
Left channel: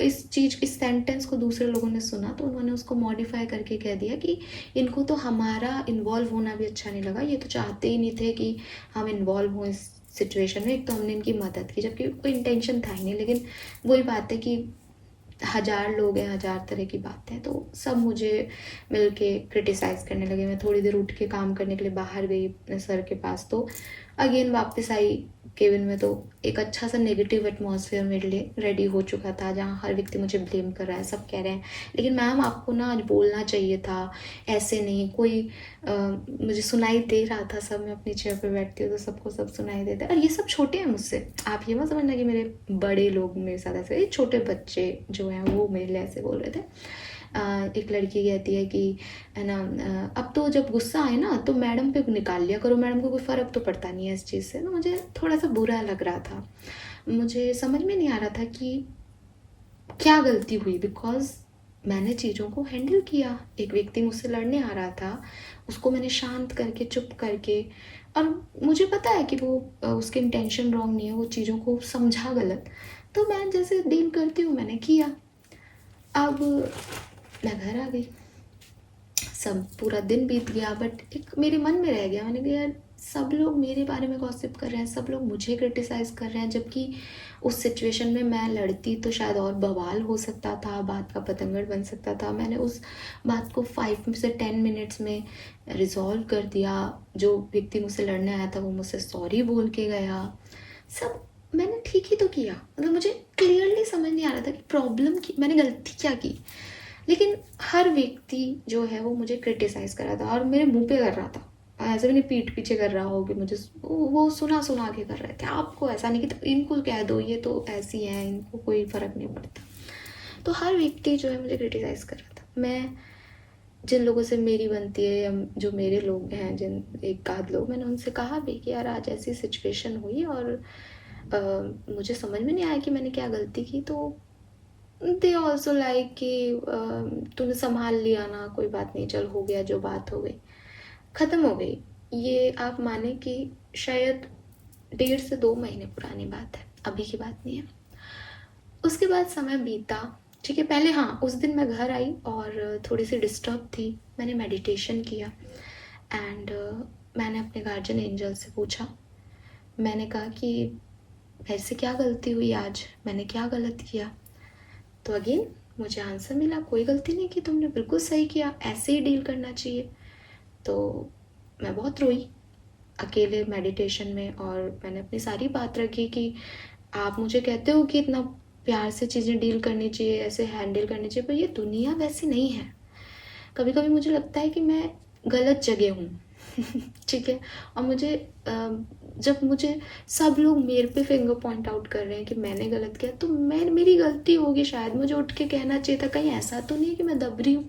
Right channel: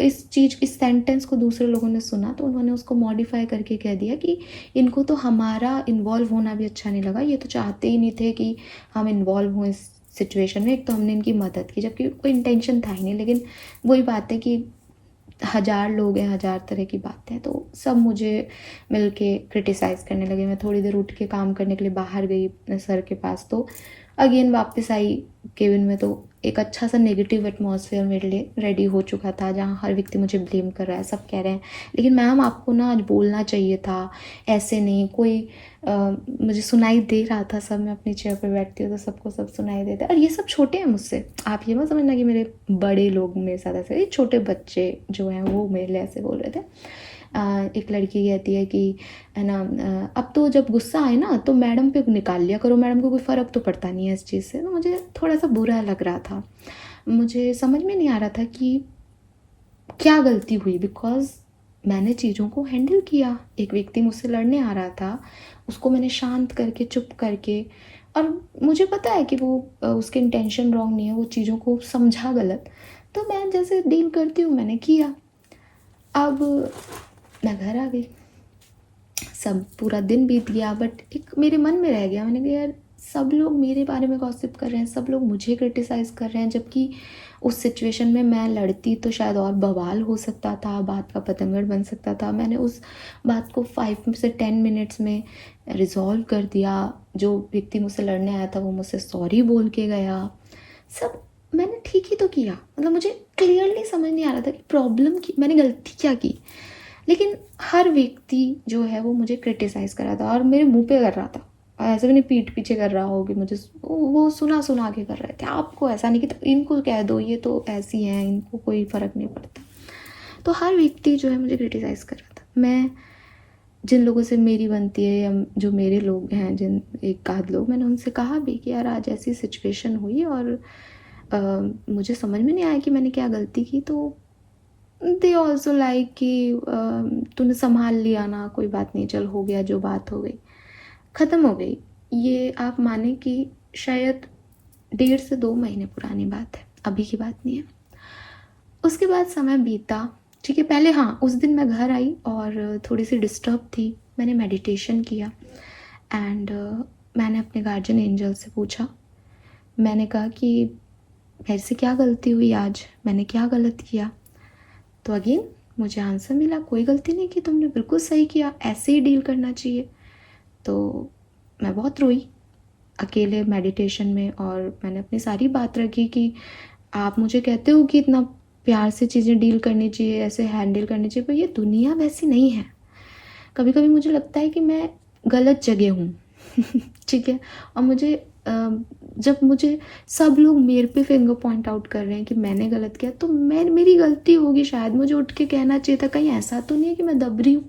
इस सेंटेंस को दूसरे लोगों ने सुना तो उन्होंने उसको मॉडिफाई करके कह दिया कि इनको तो हमारा इन्वॉल्व होना भी अच्छा नहीं लगा, ये तो चाहते ही नहीं थे कि हम इन्वॉल्व हों इस सिचुएशन में, एक तो हमने इनकी मदद की जबकि कोई इंटेंशन था ही नहीं। लेकिन वही बात है कि 1000 लोग हैं, 1000 तरह की बातें हैं, तो सब मुझे मिल के क्रिटिसाइज़ करने लगे। मैं थोड़ी देर उठ के काम करने के लिए बाहर गई अपने सर के पास, तो अगेन वापस आई केबिन में, तो एक अच्छा सा नेगेटिव एटमॉस्फेयर मेरे लिए रेडी हो चुका था, जहाँ हर व्यक्ति मुझे ब्लेम कर रहा है, सब कह रहे हैं लेकिन मैम आपको ना आज बोलना चाहिए था, ऐसे नहीं कोई मुझे सुनाई दे रहा था सब, मैं अपनी चेयर पर बैठती हूँ तो सबको सब सुनाई देता है। और ये सब छोटे हैं मुझसे, आप ये मत समझना कि मेरे बड़े लोग मेरे साथ ऐसे, ये छोटे बच्चे जो हैं वो मेरे लिए ऐसे बोल रहे थे। एक लड़की कहती है कि है ना, अब तो जब गुस्सा आए ना तो मैडम पे निकाल लिया करो, मैडम को कोई फ़र्क तो पड़ता नहीं है इस चीज़ से। तो मुझे थोड़ा सा बुरा लग रहा था, मुझे समझ में नहीं आ रहा था कि क्या गलती हुई, बिकॉज मैंने चीज़ों को हैंडल किया। एक व्यक्ति मुझसे लड़ने आ रहा था, उसको मैंने शांत करके चुप करके, और मुझे पता है कि वो उसके इंटेंशन रॉन्ग नहीं है, वो चीज़ों को समझा गलत, तो मैं जैसे डील करती हूँ मैंने किया। अब मैं घर आ गई, सब पूरा दिन बीत गया, बट एक मेरे मन में रह गया, मैंने कहा यार सब लोग मेरे बारे में गॉसिप कर रहे हैं, सब लोग मुझे क्रिटिसाइज़ कर रहे हैं, जबकि उस सिचुएशन में मैं लड़ती तो शायद और बवाल हो सकता था, बात का पतंगड़ बन सकता था। मैंने उस बात को 5 से 10 मिनट्स में रिजॉल्व कर दिया। जो व्यक्ति मुझसे लड़ने आया था वो मुझसे सॉरी बोल के गया। सब मैंने ठीक ही तो किया। मतलब मुझे क्लियरली समझ नहीं आ रहा था कि प्रॉब्लम की मैंने गलती क्या की, लेकिन हर व्यक्ति जो है वो मुझे क्रिटिसाइज़ कर रहा था और मेरे मुंह पे कर रहा था। ऐसे भी नहीं पीठ पीछे कर रहा हो कि मुझे वो सुना सुना के कर रहे थे, आपको ऐसा नहीं कि तो इनको कह दो ये तो ऐसी हैं, इनको कोई फ़र्क नहीं पड़ता। तो हर व्यक्ति जो है मुझे क्रिटिसाइज़ कर रहा था। मैं जिन लोगों से मेरी बनती है या जो मेरे लोग हैं, जिन एक आध लोग, मैंने उनसे कहा भी कि यार आज ऐसी सिचुएशन हुई और मुझे समझ में नहीं आया कि मैंने क्या गलती की। तो दे ऑल्सो लाइक कि तूने संभाल लिया ना, कोई बात नहीं, चल हो गया, जो बात हो गई ख़त्म हो गई। ये आप माने कि शायद 1.5 से 2 महीने पुरानी बात है, अभी की बात नहीं है। उसके बाद समय बीता, ठीक है। पहले हाँ, उस दिन मैं घर आई और थोड़ी सी डिस्टर्ब थी। मैंने मेडिटेशन किया एंड मैंने अपने गार्जियन एंजल से पूछा। मैंने कहा कि मेरे से क्या गलती हुई आज, मैंने क्या गलत किया। तो अगेन मुझे आंसर मिला, कोई गलती नहीं की तुमने, बिल्कुल सही किया, ऐसे ही डील करना चाहिए। तो मैं बहुत रोई अकेले मेडिटेशन में और मैंने अपनी सारी बात रखी कि आप मुझे कहते हो कि इतना प्यार से चीज़ें डील करनी चाहिए, ऐसे हैंडल करनी चाहिए, पर ये दुनिया वैसी नहीं है। कभी कभी मुझे लगता है कि मैं गलत जगह हूँ ठीक है। और मुझे जब मुझे सब लोग मेरे पे फिंगर पॉइंट आउट कर रहे हैं कि मैंने गलत किया, तो मेरी गलती होगी शायद। मुझे उठ के कहना चाहिए था, कहीं ऐसा तो नहीं है कि मैं दब रही हूँ,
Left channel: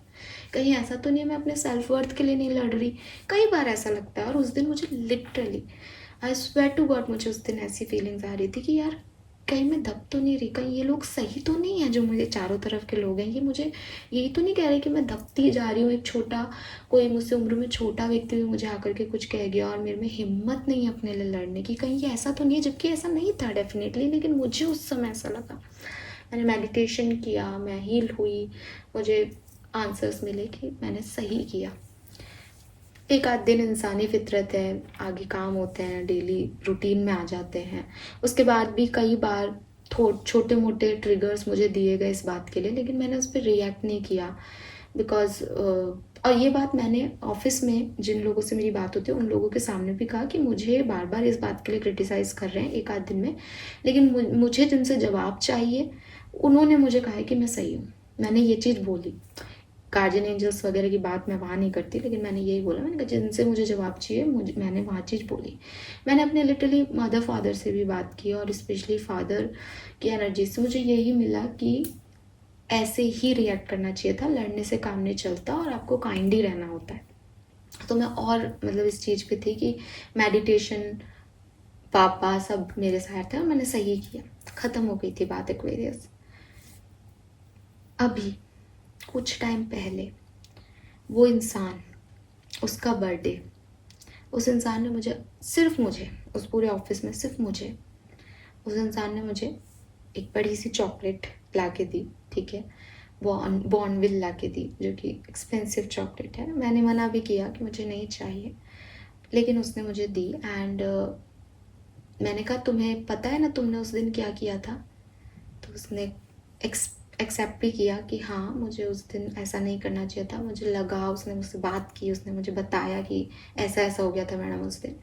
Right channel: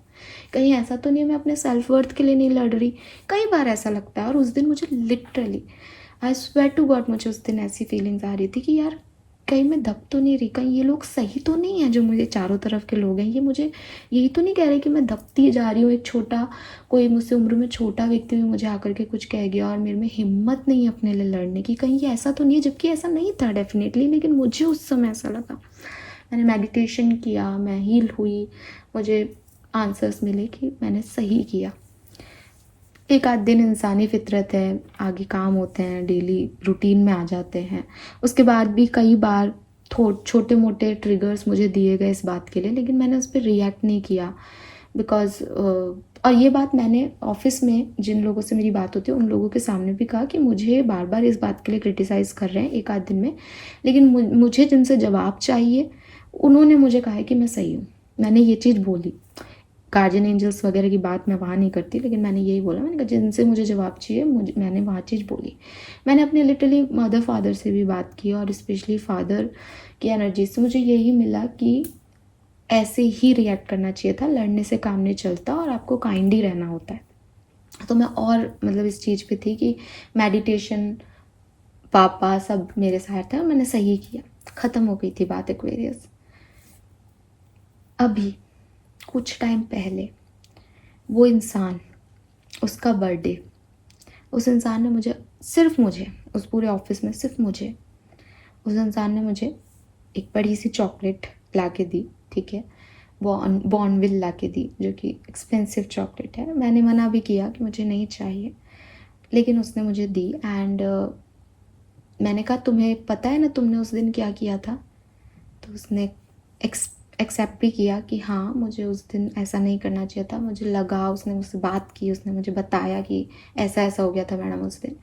कहीं ऐसा तो नहीं है मैं अपने सेल्फ वर्थ के लिए नहीं लड़ रही। कई बार ऐसा लगता है। और उस दिन मुझे literally, I swear to God, मुझे उस दिन ऐसी फीलिंग्स आ रही थी कि यार कहीं मैं दब तो नहीं रही, कहीं ये लोग सही तो नहीं है, जो मेरे चारों तरफ के लोग हैं, ये मुझे यही तो नहीं कह रहे कि मैं दबती जा रही हूँ। एक छोटा, कोई मुझसे उम्र में छोटा व्यक्ति भी मुझे आकर के कुछ कह गया और मेरे में हिम्मत नहीं है अपने लिए लड़ने की, कहीं ये ऐसा तो नहीं है। जबकि ऐसा नहीं था डेफिनेटली, लेकिन मुझे उस समय ऐसा लगा। मैंने मेडिटेशन किया, मैं हील हुई, मुझे आंसर्स मिले कि मैंने सही किया। एक आध दिन इंसानी फितरत है, आगे काम होते हैं, डेली रूटीन में आ जाते हैं। उसके बाद भी कई बार छोटे मोटे ट्रिगर्स मुझे दिए गए इस बात के लिए, लेकिन मैंने उस पर रिएक्ट नहीं किया। बिकॉज और ये बात मैंने ऑफिस में जिन लोगों से मेरी बात होती है उन लोगों के सामने भी कहा कि मुझे बार बार इस बात के लिए क्रिटिसाइज़ कर रहे हैं एक आध दिन में, लेकिन मुझे जिनसे जवाब चाहिए उन्होंने मुझे कहा है कि मैं सही हूँ। मैंने ये चीज़ बोली। गार्जियन एंजल्स वगैरह की बात मैं वहाँ नहीं करती, लेकिन मैंने यही बोला, मैंने कहा जिनसे मुझे जवाब चाहिए मैंने वहाँ चीज़ बोली। मैंने अपने लिटरली मदर फादर से भी बात की और स्पेशली फादर की एनर्जी से मुझे यही मिला कि ऐसे ही रिएक्ट करना चाहिए था, लड़ने से काम नहीं चलता और आपको काइंड ही रहना होता है। तो मैं और मतलब इस चीज़ पे थी कि मेडिटेशन, पापा सब मेरे साथ थे और मैंने सही किया, ख़त्म हो गई थी बात एक्वेरियस। अभी कुछ टाइम पहले वो इंसान, उसका बर्थडे, उस इंसान ने मुझे, सिर्फ मुझे, उस पूरे ऑफिस में सिर्फ मुझे, उस इंसान ने मुझे एक बड़ी सी चॉकलेट ला के दी, ठीक है। बॉर्नविल ला के दी, जो कि एक्सपेंसिव चॉकलेट है। मैंने मना भी किया कि मुझे नहीं चाहिए, लेकिन उसने मुझे दी। एंड मैंने कहा तुम्हें पता है ना तुमने उस दिन क्या किया था। तो उसने एक्सेप्ट भी किया कि हाँ मुझे उस दिन ऐसा नहीं करना चाहिए था, मुझे लगा, उसने मुझसे बात की, उसने मुझे बताया कि ऐसा ऐसा हो गया था मैडम उस दिन।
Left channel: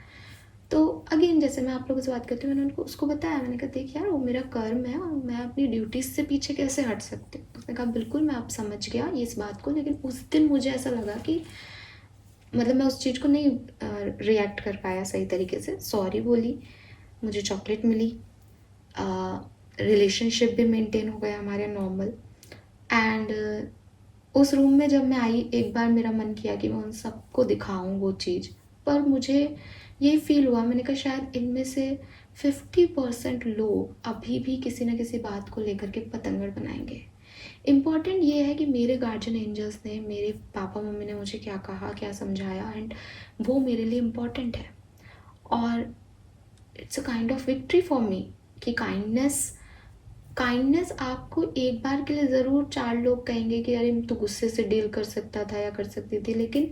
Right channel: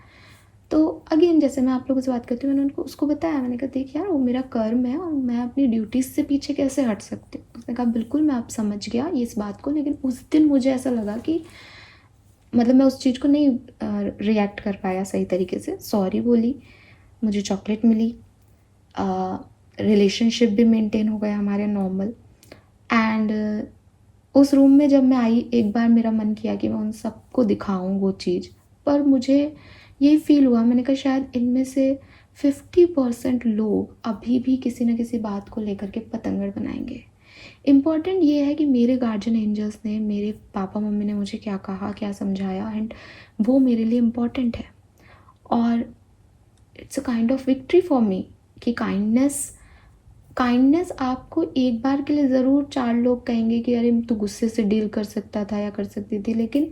तो अगेन जैसे मैं आप लोगों से बात करती हूँ, मैंने उसको बताया, मैंने कहा देख यार वो मेरा कर्म है और मैं अपनी ड्यूटीज से पीछे कैसे हट सकती हूँ। उसने कहा बिल्कुल मैं आप समझ गया इस बात को, लेकिन उस दिन मुझे ऐसा लगा कि मतलब मैं उस चीज़ को नहीं रिएक्ट कर पाया सही तरीके से। सॉरी बोली, मुझे चॉकलेट मिली, रिलेशनशिप भी मेंटेन हो गया हमारे नॉर्मल। एंड उस रूम में जब मैं आई, एक बार मेरा मन किया कि मैं उन सबको दिखाऊं वो चीज़, पर मुझे ये फील हुआ, मैंने कहा शायद इनमें से 50% लोग अभी भी किसी न किसी बात को लेकर के पतंगड़ बनाएंगे। इम्पॉर्टेंट ये है कि मेरे गार्जियन एंजल्स ने, मेरे पापा मम्मी ने मुझे क्या कहा, क्या समझाया, एंड वो मेरे लिए इम्पॉर्टेंट है। और it's a kind of victory for me कि काइंडनेस आपको एक बार के लिए ज़रूर 4 लोग कहेंगे कि अरे तू गुस्से से डील कर सकता था या कर सकती थी, लेकिन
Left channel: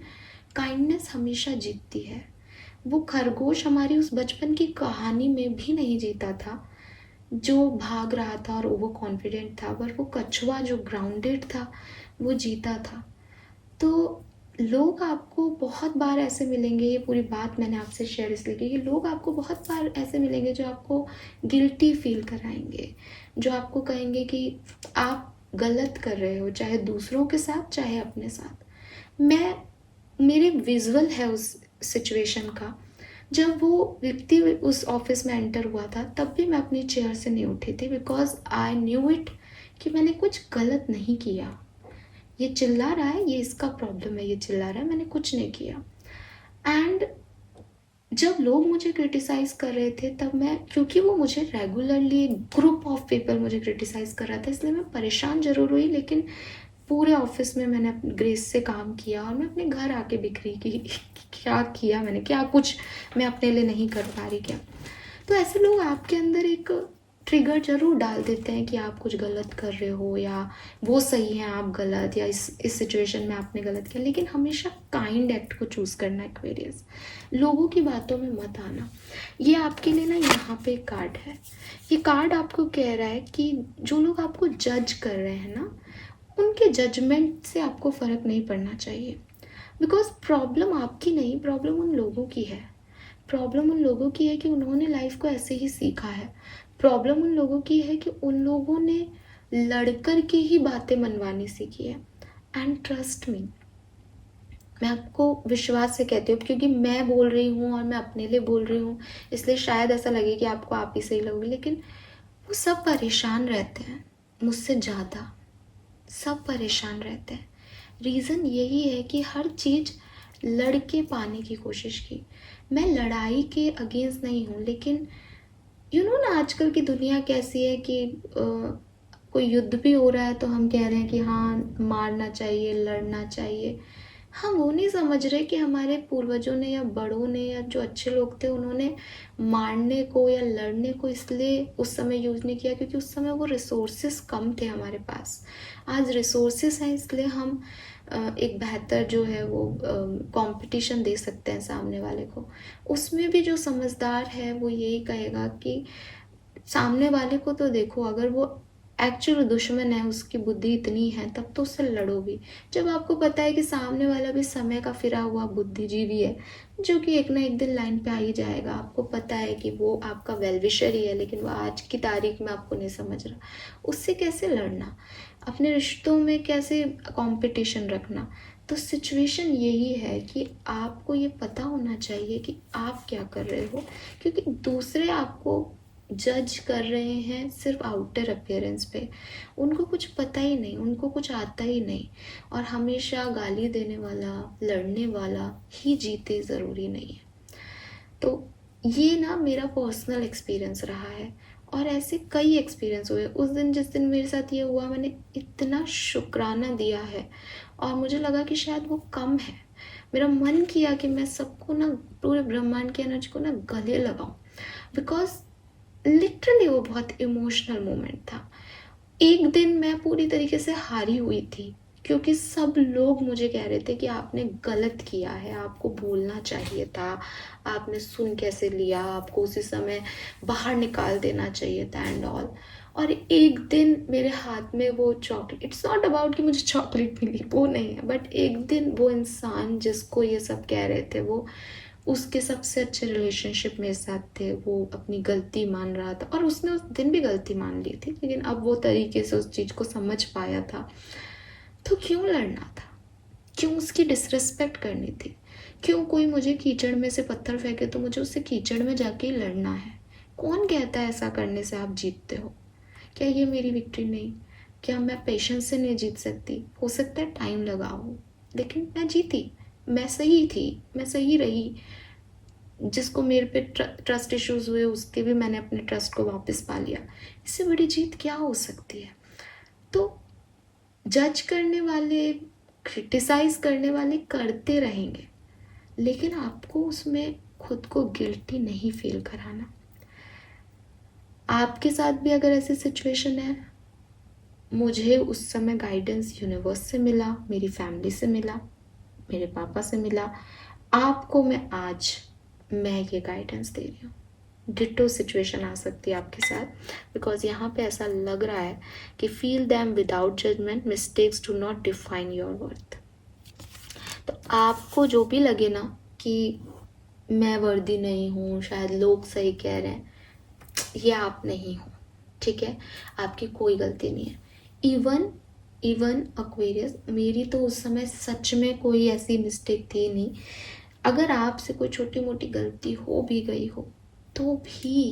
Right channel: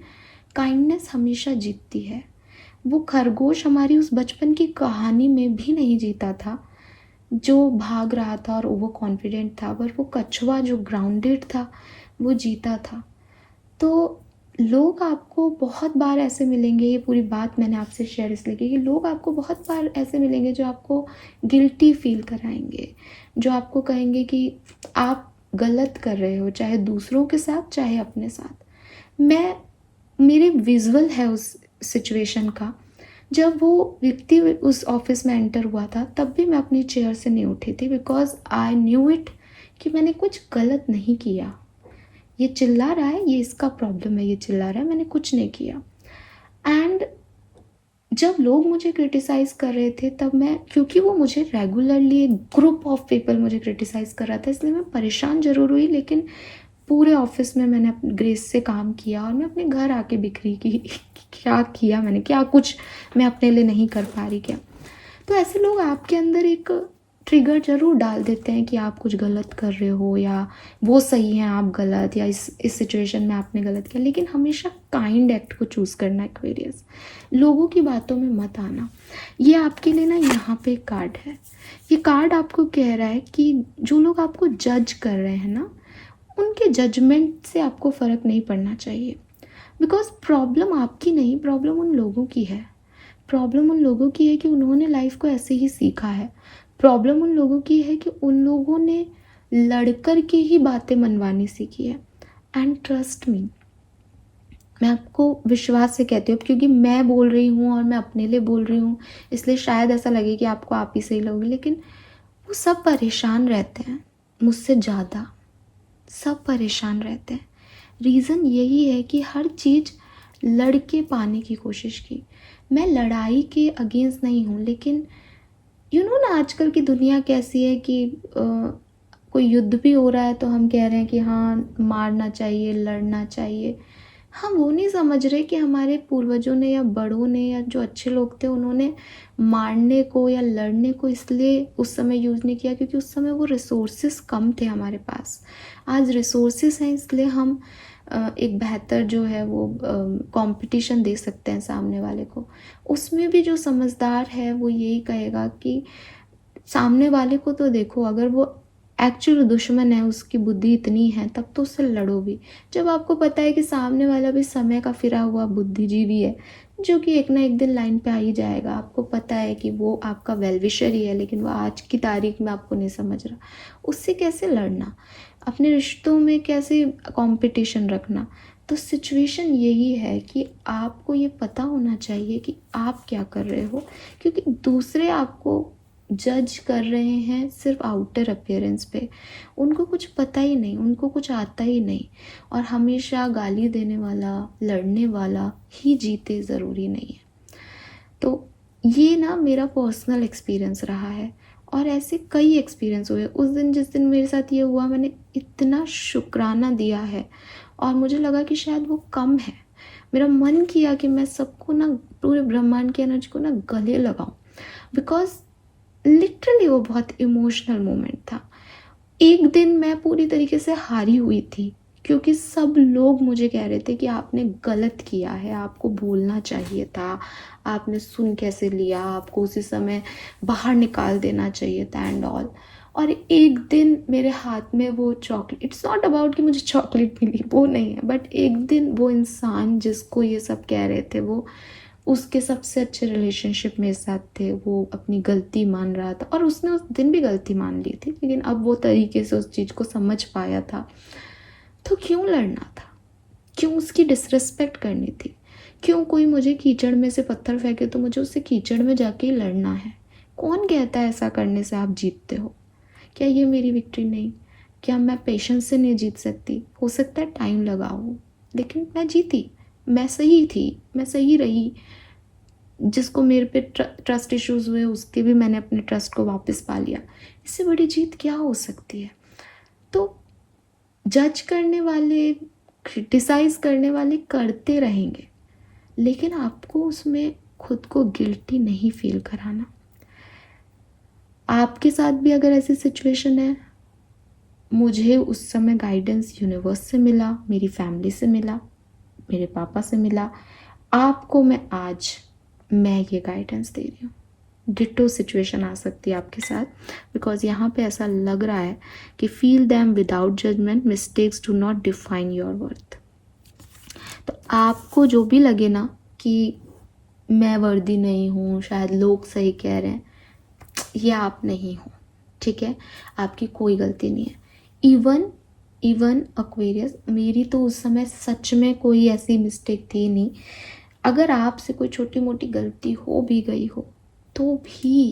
काइंडनेस हमेशा जीतती है। वो खरगोश हमारी उस बचपन की कहानी में भी नहीं जीता था जो भाग रहा था और ओवर कॉन्फिडेंट था, पर वो कछुआ जो ग्राउंडेड था वो जीता था। तो लोग आपको बहुत बार ऐसे मिलेंगे, ये पूरी बात मैंने आपसे शेयर इसलिए की कि लोग आपको बहुत बार ऐसे मिलेंगे जो आपको गिल्टी फील कराएंगे, जो आपको कहेंगे कि आप गलत कर रहे हो, चाहे दूसरों के साथ चाहे अपने साथ। मैं मेरे विजुअल है उस सिचुएशन का। जब वो व्यक्ति उस ऑफिस में एंटर हुआ था तब भी मैं अपनी चेयर से नहीं उठी थी, बिकॉज आई न्यू इट कि मैंने कुछ गलत नहीं किया। ये चिल्ला रहा है, ये इसका प्रॉब्लम है, ये चिल्ला रहा है, मैंने कुछ नहीं किया। एंड जब लोग मुझे क्रिटिसाइज कर रहे थे तब मैं, क्योंकि वो मुझे रेगुलरली एक ग्रुप ऑफ पीपल मुझे क्रिटिसाइज कर रहा था, इसलिए मैं परेशान जरूर हुई, लेकिन पूरे ऑफिस में मैंने अपने ग्रेस से काम किया और मैं अपने घर आके बिखरी कि क्या किया मैंने, क्या कुछ मैं अपने लिए नहीं कर पा रही क्या। तो ऐसे लोग आपके अंदर एक ट्रिगर जरूर डाल देते हैं कि आप कुछ गलत कर रहे हो या वो सही है आप गलत, या इस सिचुएशन में आपने गलत किया। लेकिन हमेशा काइंड एक्ट को चूज़ करना है एक्वेरियस, लोगों की बातों में मत आना। ये आपके लिए ना यहाँ पे कार्ड है, ये कार्ड आपको कह रहा है कि जो लोग आपको जज कर रहे हैं ना, उनके जजमेंट से आपको फ़र्क नहीं पड़ना चाहिए। बिकॉज प्रॉब्लम आपकी नहीं, प्रॉब्लम उन लोगों की है। प्रॉब्लम उन लोगों की है कि उन्होंने लाइफ को ऐसे ही सीखा है। प्रॉब्लम उन लोगों की है कि उन लोगों ने लड़कर के ही बातें मनवानी सीखी है। एंड ट्रस्ट मी, मैं आपको विश्वास से कहती हूँ, क्योंकि मैं बोल रही हूँ और मैं अपने लिए बोल रही हूँ, इसलिए शायद ऐसा लगे कि आपको आप ही सही लगोगे, लेकिन वो सब परेशान रहते हैं मुझसे ज़्यादा, सब परेशान रहते हैं। रीज़न यही है कि हर चीज़ लड़के पाने की कोशिश की। मैं लड़ाई के अगेंस्ट नहीं हूँ, लेकिन ना आजकल की दुनिया कैसी है कि कोई युद्ध भी हो रहा है तो हम कह रहे हैं कि हाँ मारना चाहिए, लड़ना चाहिए। हम वो नहीं समझ रहे कि हमारे पूर्वजों ने या बड़ों ने या जो अच्छे लोग थे उन्होंने मारने को या लड़ने को इसलिए उस समय यूज़ नहीं किया क्योंकि उस समय वो रिसोर्सेस कम थे हमारे पास। आज रिसोर्सेस हैं, इसलिए हम एक बेहतर जो है वो कंपटीशन दे सकते हैं सामने वाले को। उसमें भी जो समझदार है वो यही कहेगा कि सामने वाले को तो देखो, अगर वो एक्चुअल दुश्मन है, उसकी बुद्धि इतनी है, तब तो उससे लड़ो भी। जब आपको पता है कि सामने वाला भी समय का फिरा हुआ बुद्धिजीवी है जो कि एक ना एक दिन लाइन पे आ ही जाएगा, आपको पता है कि वो आपका वेलविशर ही है, लेकिन वो आज की तारीख में आपको नहीं समझ रहा, उससे कैसे लड़ना, अपने रिश्तों में कैसे कंपटीशन रखना। तो सिचुएशन यही है कि आपको ये पता होना चाहिए कि आप क्या कर रहे हो, क्योंकि दूसरे आपको जज कर रहे हैं सिर्फ आउटर अपीयरेंस पे। उनको कुछ पता ही नहीं, उनको कुछ आता ही नहीं। और हमेशा गाली देने वाला, लड़ने वाला ही जीते ज़रूरी नहीं है। तो ये ना मेरा पर्सनल एक्सपीरियंस रहा है, और ऐसे कई एक्सपीरियंस हुए। उस दिन जिस दिन मेरे साथ ये हुआ, मैंने इतना शुक्राना दिया है और मुझे लगा कि शायद वो कम है। मेरा मन किया कि मैं सबको ना, पूरे ब्रह्मांड की एनर्जी को ना गले लगाऊं, बिकॉज लिटरली वो बहुत इमोशनल मोमेंट था। एक दिन मैं पूरी तरीके से हारी हुई थी क्योंकि सब लोग मुझे कह रहे थे कि आपने गलत किया है, आपको बोलना चाहिए था, आपने सुन कैसे लिया, आपको उसी समय बाहर निकाल देना चाहिए था एंड ऑल। और एक दिन मेरे हाथ में वो चॉकलेट, इट्स नॉट अबाउट कि मुझे चॉकलेट मिली, वो नहीं है, बट एक दिन वो इंसान जिसको ये सब कह रहे थे, वो उसके सबसे अच्छे रिलेशनशिप मेरे साथ थे, वो अपनी गलती मान रहा था और उसने उस दिन भी गलती मान ली थी, लेकिन अब वो तरीके से उस चीज़ को समझ पाया था। तो क्यों लड़ना था, क्यों उसकी डिसरिस्पेक्ट करनी थी, क्यों कोई मुझे कीचड़ में से पत्थर फेंके तो मुझे उससे कीचड़ में जाके ही लड़ना है। कौन कहता है ऐसा करने से आप जीतते हो? क्या ये मेरी विक्ट्री नहीं? क्या मैं पेशेंस से नहीं जीत सकती? हो सकता है टाइम लगा हो, लेकिन मैं जीती, मैं सही थी, मैं सही रही। जिसको मेरे पे ट्रस्ट इश्यूज हुए उसके भी मैंने अपने ट्रस्ट को वापस पा लिया। इससे बड़ी जीत क्या हो सकती है? तो जज करने वाले, क्रिटिसाइज करने वाले करते रहेंगे, लेकिन आपको उसमें खुद को गिल्टी नहीं फील कराना। आपके साथ भी अगर ऐसी सिचुएशन है, मुझे उस समय गाइडेंस यूनिवर्स से मिला, मेरी फैमिली से मिला, मेरे पापा से मिला। आपको मैं आज मैं ये गाइडेंस दे रही हूँ। डिटो सिचुएशन आ सकती है आपके साथ, बिकॉज यहाँ पे ऐसा लग रहा है कि feel them without judgment, mistakes do not define your worth. तो आपको जो भी लगे ना कि मैं वर्दी नहीं हूँ, शायद लोग सही कह रहे हैं, ये आप नहीं हो, ठीक है? आपकी कोई गलती नहीं है। इवन एक्वेरियस, मेरी तो उस समय सच में कोई ऐसी मिस्टेक थी नहीं। अगर आपसे कोई छोटी मोटी गलती हो भी गई हो तो भी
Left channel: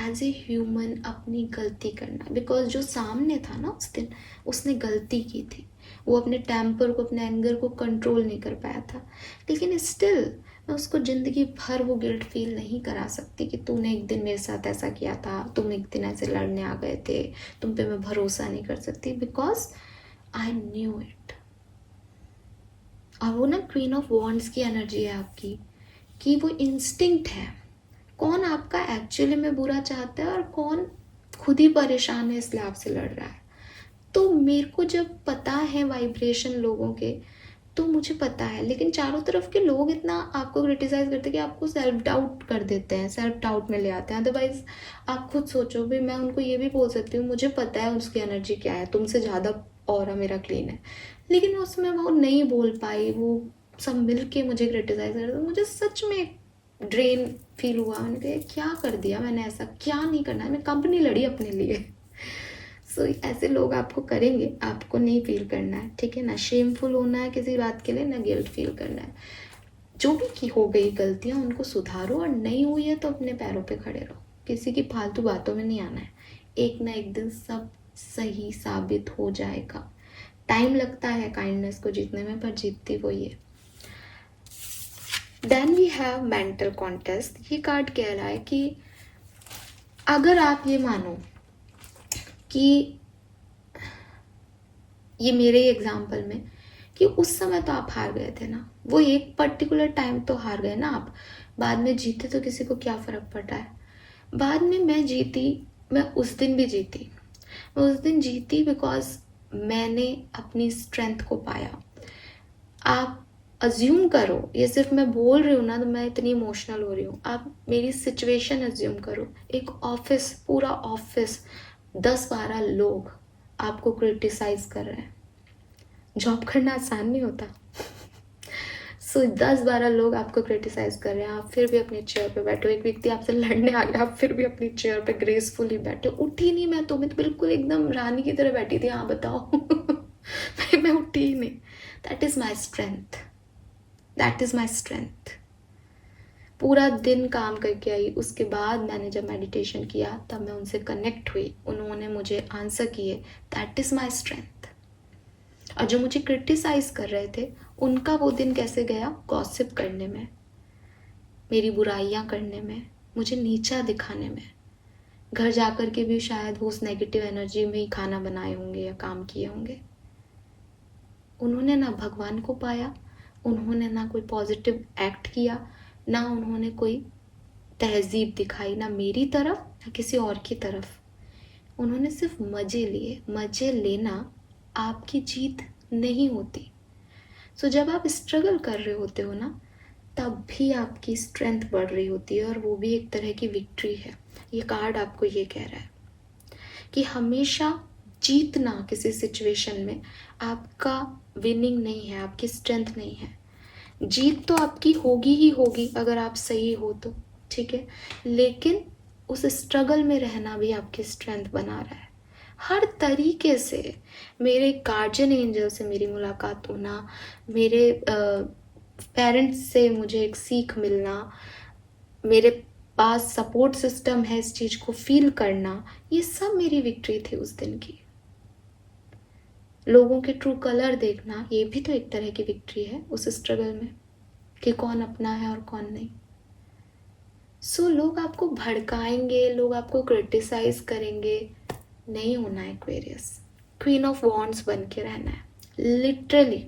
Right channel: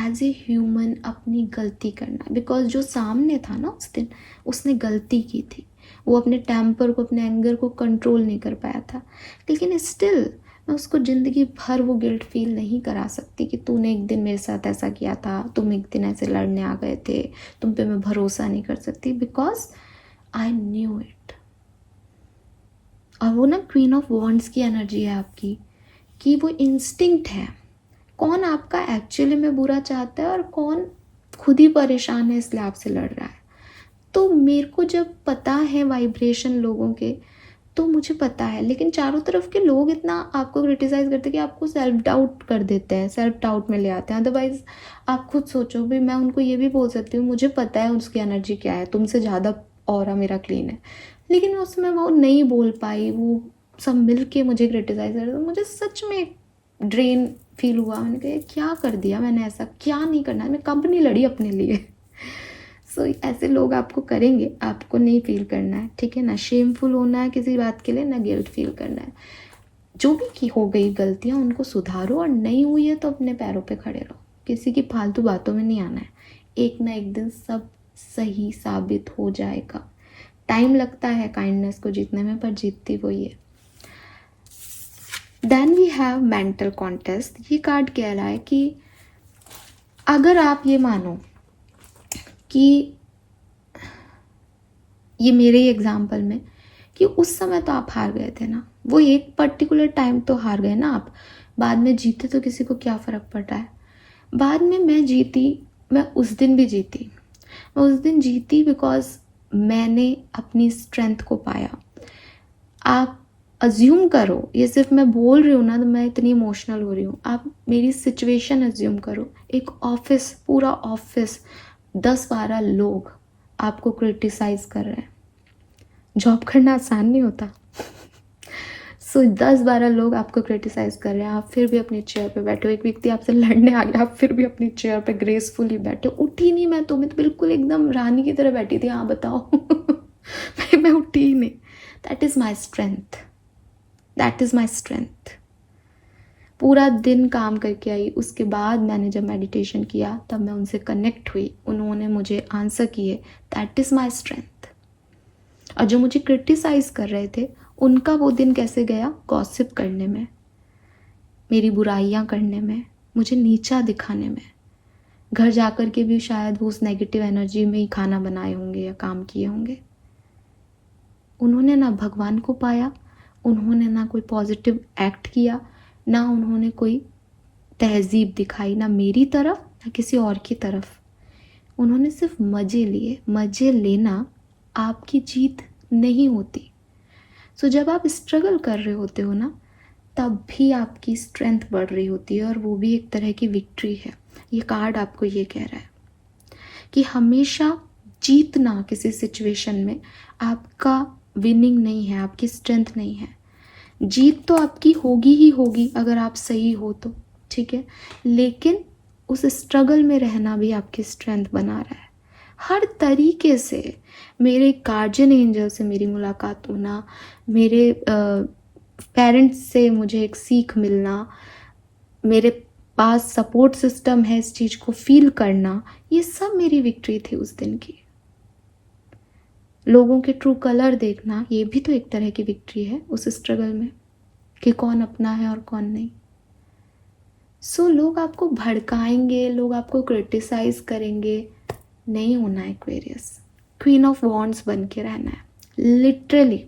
एज ए ह्यूमन अपनी गलती करना, बिकॉज जो सामने था ना उस दिन, उसने गलती की थी, वो अपने टेम्पर को, अपने एंगर को कंट्रोल नहीं कर पाया था। लेकिन स्टिल मैं उसको ज़िंदगी भर वो गिल्ट फील नहीं करा सकती कि तूने एक दिन मेरे साथ ऐसा किया था, तुम एक दिन ऐसे लड़ने आ गए थे, तुम पे मैं भरोसा नहीं कर सकती, बिकॉज आई न्यू इट। और वो ना क्वीन ऑफ वॉन्ड्स की एनर्जी है आपकी, कि वो इंस्टिंक्ट है, कौन आपका एक्चुअली में बुरा चाहता है और कौन खुद ही परेशान है इसलिए आपसे लड़ रहा है। तो मेरे को जब पता है वाइब्रेशन लोगों के, तो मुझे पता है, लेकिन चारों तरफ के लोग इतना आपको क्रिटिसाइज करते हैं कि आपको सेल्फ डाउट कर देते हैं, सेल्फ डाउट में ले आते हैं। अदरवाइज आप खुद सोचो भी, मैं उनको ये भी बोल सकती हूँ मुझे पता है उसकी एनर्जी क्या है, तुमसे ज़्यादा ऑरा मेरा क्लीन है, लेकिन उसमें वो नहीं बोल पाई, वो सब मिल के मुझे क्रिटिसाइज कर, तो मुझे सच में ड्रेन फील हुआ। मैंने कहा क्या कर दिया मैंने, ऐसा क्या नहीं करना है, मैं कंपनी लड़ी अपने लिए। सो ऐसे लोग आपको करेंगे, आपको नहीं फील करना है, ठीक है ना? शेमफुल होना है किसी बात के लिए, ना गिल्ट फील करना है। जो भी की हो गई गलतियाँ उनको सुधारो, और नहीं हुई है तो अपने पैरों पे खड़े रहो, किसी की फालतू बातों में नहीं आना है। एक ना एक दिन सब सही साबित हो जाएगा। टाइम लगता है काइंडनेस को जीतने में, पर जीतती वही है। Then we have mental contest. ये कार्ड कह रहा है कि अगर आप ये मानो कि ये मेरे एग्जाम्पल में कि उस समय तो आप हार गए थे ना, वो एक पर्टिकुलर टाइम तो हार गए ना आप, बाद में जीते तो किसी को क्या फ़र्क पड़ रहा है। बाद में मैं जीती, मैं उस दिन भी जीती, मैं उस दिन जीती बिकॉज मैंने अपनी स्ट्रेंथ को पाया। आप अज्यूम करो, ये सिर्फ मैं बोल रही हूँ ना तो मैं इतनी इमोशनल हो रही हूँ, आप मेरी सिचुएशन अज्यूम करो। एक ऑफिस, पूरा ऑफिस, 10-12 लोग आपको क्रिटिसाइज कर रहे हैं। जॉब करना आसान नहीं होता। सो 10-12 लोग आपको क्रिटिसाइज कर रहे हैं, आप फिर भी अपनी चेयर पे बैठे हो। एक व्यक्ति आपसे लड़ने आ गया, आप फिर भी अपनी चेयर पे ग्रेसफुली बैठे, उठी नहीं मैं तो बिल्कुल एकदम रानी की तरह बैठी थी। हाँ बताओ। मैं उठी ही नहीं। That is my strength, that is my strength. पूरा दिन काम करके आई, उसके बाद मैंने जब मेडिटेशन किया तब मैं उनसे कनेक्ट हुई, उन्होंने मुझे आंसर किए, दैट इज़ माई स्ट्रेंथ। और जो मुझे क्रिटिसाइज कर रहे थे उनका वो दिन कैसे गया, गॉसिप करने में, मेरी बुराइयां करने में, मुझे नीचा दिखाने में। घर जाकर के भी शायद वो उस नेगेटिव एनर्जी में ही खाना बनाए होंगे या काम किए होंगे। उन्होंने ना भगवान को पाया, उन्होंने ना कोई पॉजिटिव एक्ट किया, ना उन्होंने कोई तहजीब दिखाई, ना मेरी तरफ ना किसी और की तरफ। उन्होंने सिर्फ मज़े लिए। मज़े लेना आपकी जीत नहीं होती। सो जब आप स्ट्रगल कर रहे होते हो ना, तब भी आपकी स्ट्रेंथ बढ़ रही होती है, और वो भी एक तरह की विक्ट्री है। ये कार्ड आपको ये कह रहा है कि हमेशा जीतना किसी सिचुएशन में आपका विनिंग नहीं है, आपकी स्ट्रेंथ नहीं है। जीत तो आपकी होगी ही होगी अगर आप सही हो तो, ठीक है, लेकिन उस स्ट्रगल में रहना भी आपकी स्ट्रेंथ बना रहा है हर तरीके से। मेरे गार्जियन एंजल से मेरी मुलाकात होना, मेरे पेरेंट्स से मुझे एक सीख मिलना, मेरे पास सपोर्ट सिस्टम है इस चीज़ को फील करना, ये सब मेरी विक्ट्री थी उस दिन की। लोगों के ट्रू कलर देखना, ये भी तो एक तरह की विक्ट्री है उस स्ट्रगल में, कि कौन अपना है और कौन नहीं। सो लोग आपको भड़काएंगे, लोग आपको क्रिटिसाइज करेंगे, नहीं होना है एक्वेरियस। क्वीन ऑफ वॉन्ड्स बन के रहना है, लिटरली।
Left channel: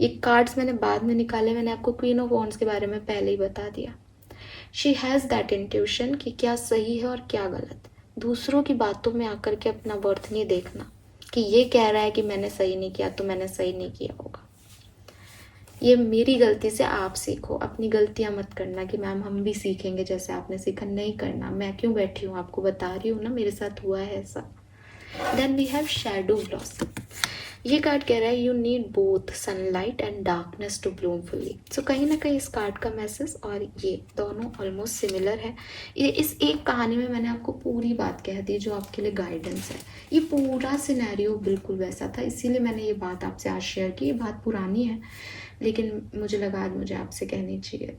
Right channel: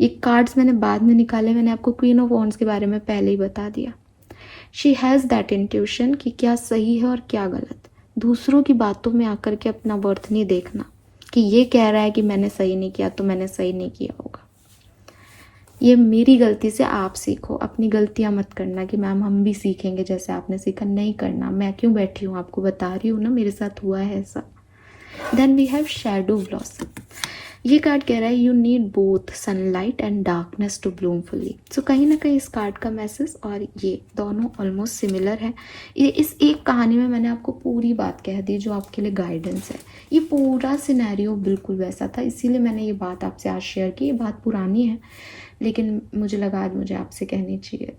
ये कार्ड्स मैंने बाद में निकाले, मैंने आपको क्वीन ऑफ वॉन्ड्स के बारे में पहले ही बता दिया। शी हैज़ दैट इंट्यूशन कि क्या सही है और क्या गलत। दूसरों की बातों में आकर के अपना वर्थ नहीं देखना कि ये कह रहा है कि मैंने सही नहीं किया तो मैंने सही नहीं किया होगा। ये मेरी गलती से आप सीखो, अपनी गलतियाँ मत करना कि मैम हम भी सीखेंगे जैसे आपने सीखा, नहीं करना। मैं क्यों बैठी हूँ, आपको बता रही हूँ ना, मेरे साथ हुआ है ऐसा। Then we have shadow blossom. ये कार्ड कह रहा है you need both sunlight and darkness to bloom fully. So कहीं ना कहीं इस कार्ड का मैसेज और ये दोनों ऑलमोस्ट सिमिलर है। ये इस एक कहानी में मैंने आपको पूरी बात कह दी जो आपके लिए गाइडेंस है। ये पूरा सिनेरियो बिल्कुल वैसा था, इसीलिए मैंने ये बात आपसे आज शेयर की। ये बात पुरानी है लेकिन मुझे लगा आज मुझे आपसे कहनी चाहिए।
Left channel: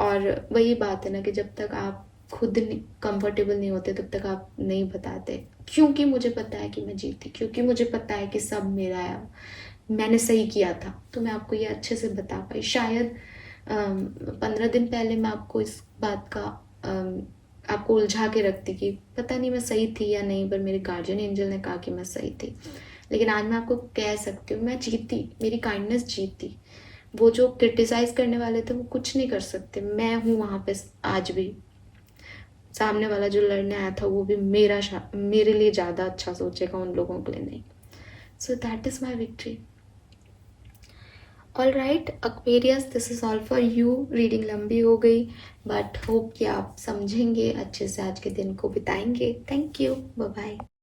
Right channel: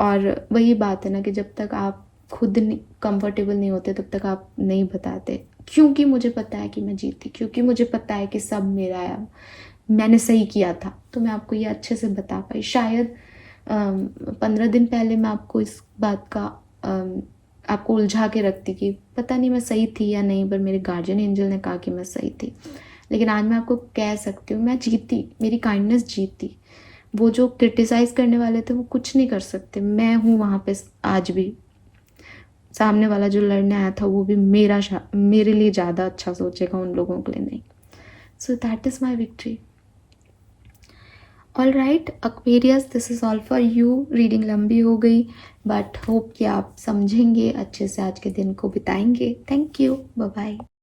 और वही बात है ना कि जब तक आप खुद कंफर्टेबल नहीं होते तब तक आप नहीं बताते, क्योंकि मुझे पता है कि मैं जीती, क्योंकि मुझे पता है कि सब मेरा है, मैंने सही किया था, तो मैं आपको ये अच्छे से बता पाई। शायद 15 दिन पहले मैं आपको इस बात का आपको उलझा के रखती कि पता नहीं मैं सही थी या नहीं, पर मेरे गार्जियन एंजल ने कहा कि मैं सही थी। लेकिन आज मैं आपको कह सकती हूँ मैं जीती, मेरी काइंडनेस जीती। वो जो क्रिटिसाइज करने वाले थे वो कुछ नहीं कर सकते, मैं हूँ वहाँ पे आज भी। सामने वाला जो लड़ने आया था वो भी मेरे लिए ज़्यादा अच्छा सोचेगा, उन लोगों के लिए नहीं। So that is my victory. All right Aquarius, this is all for you. Reading लंबी हो गई बट होप कि आप समझेंगे अच्छे से, आज के दिन को बिताएंगे। Thank you, bye bye.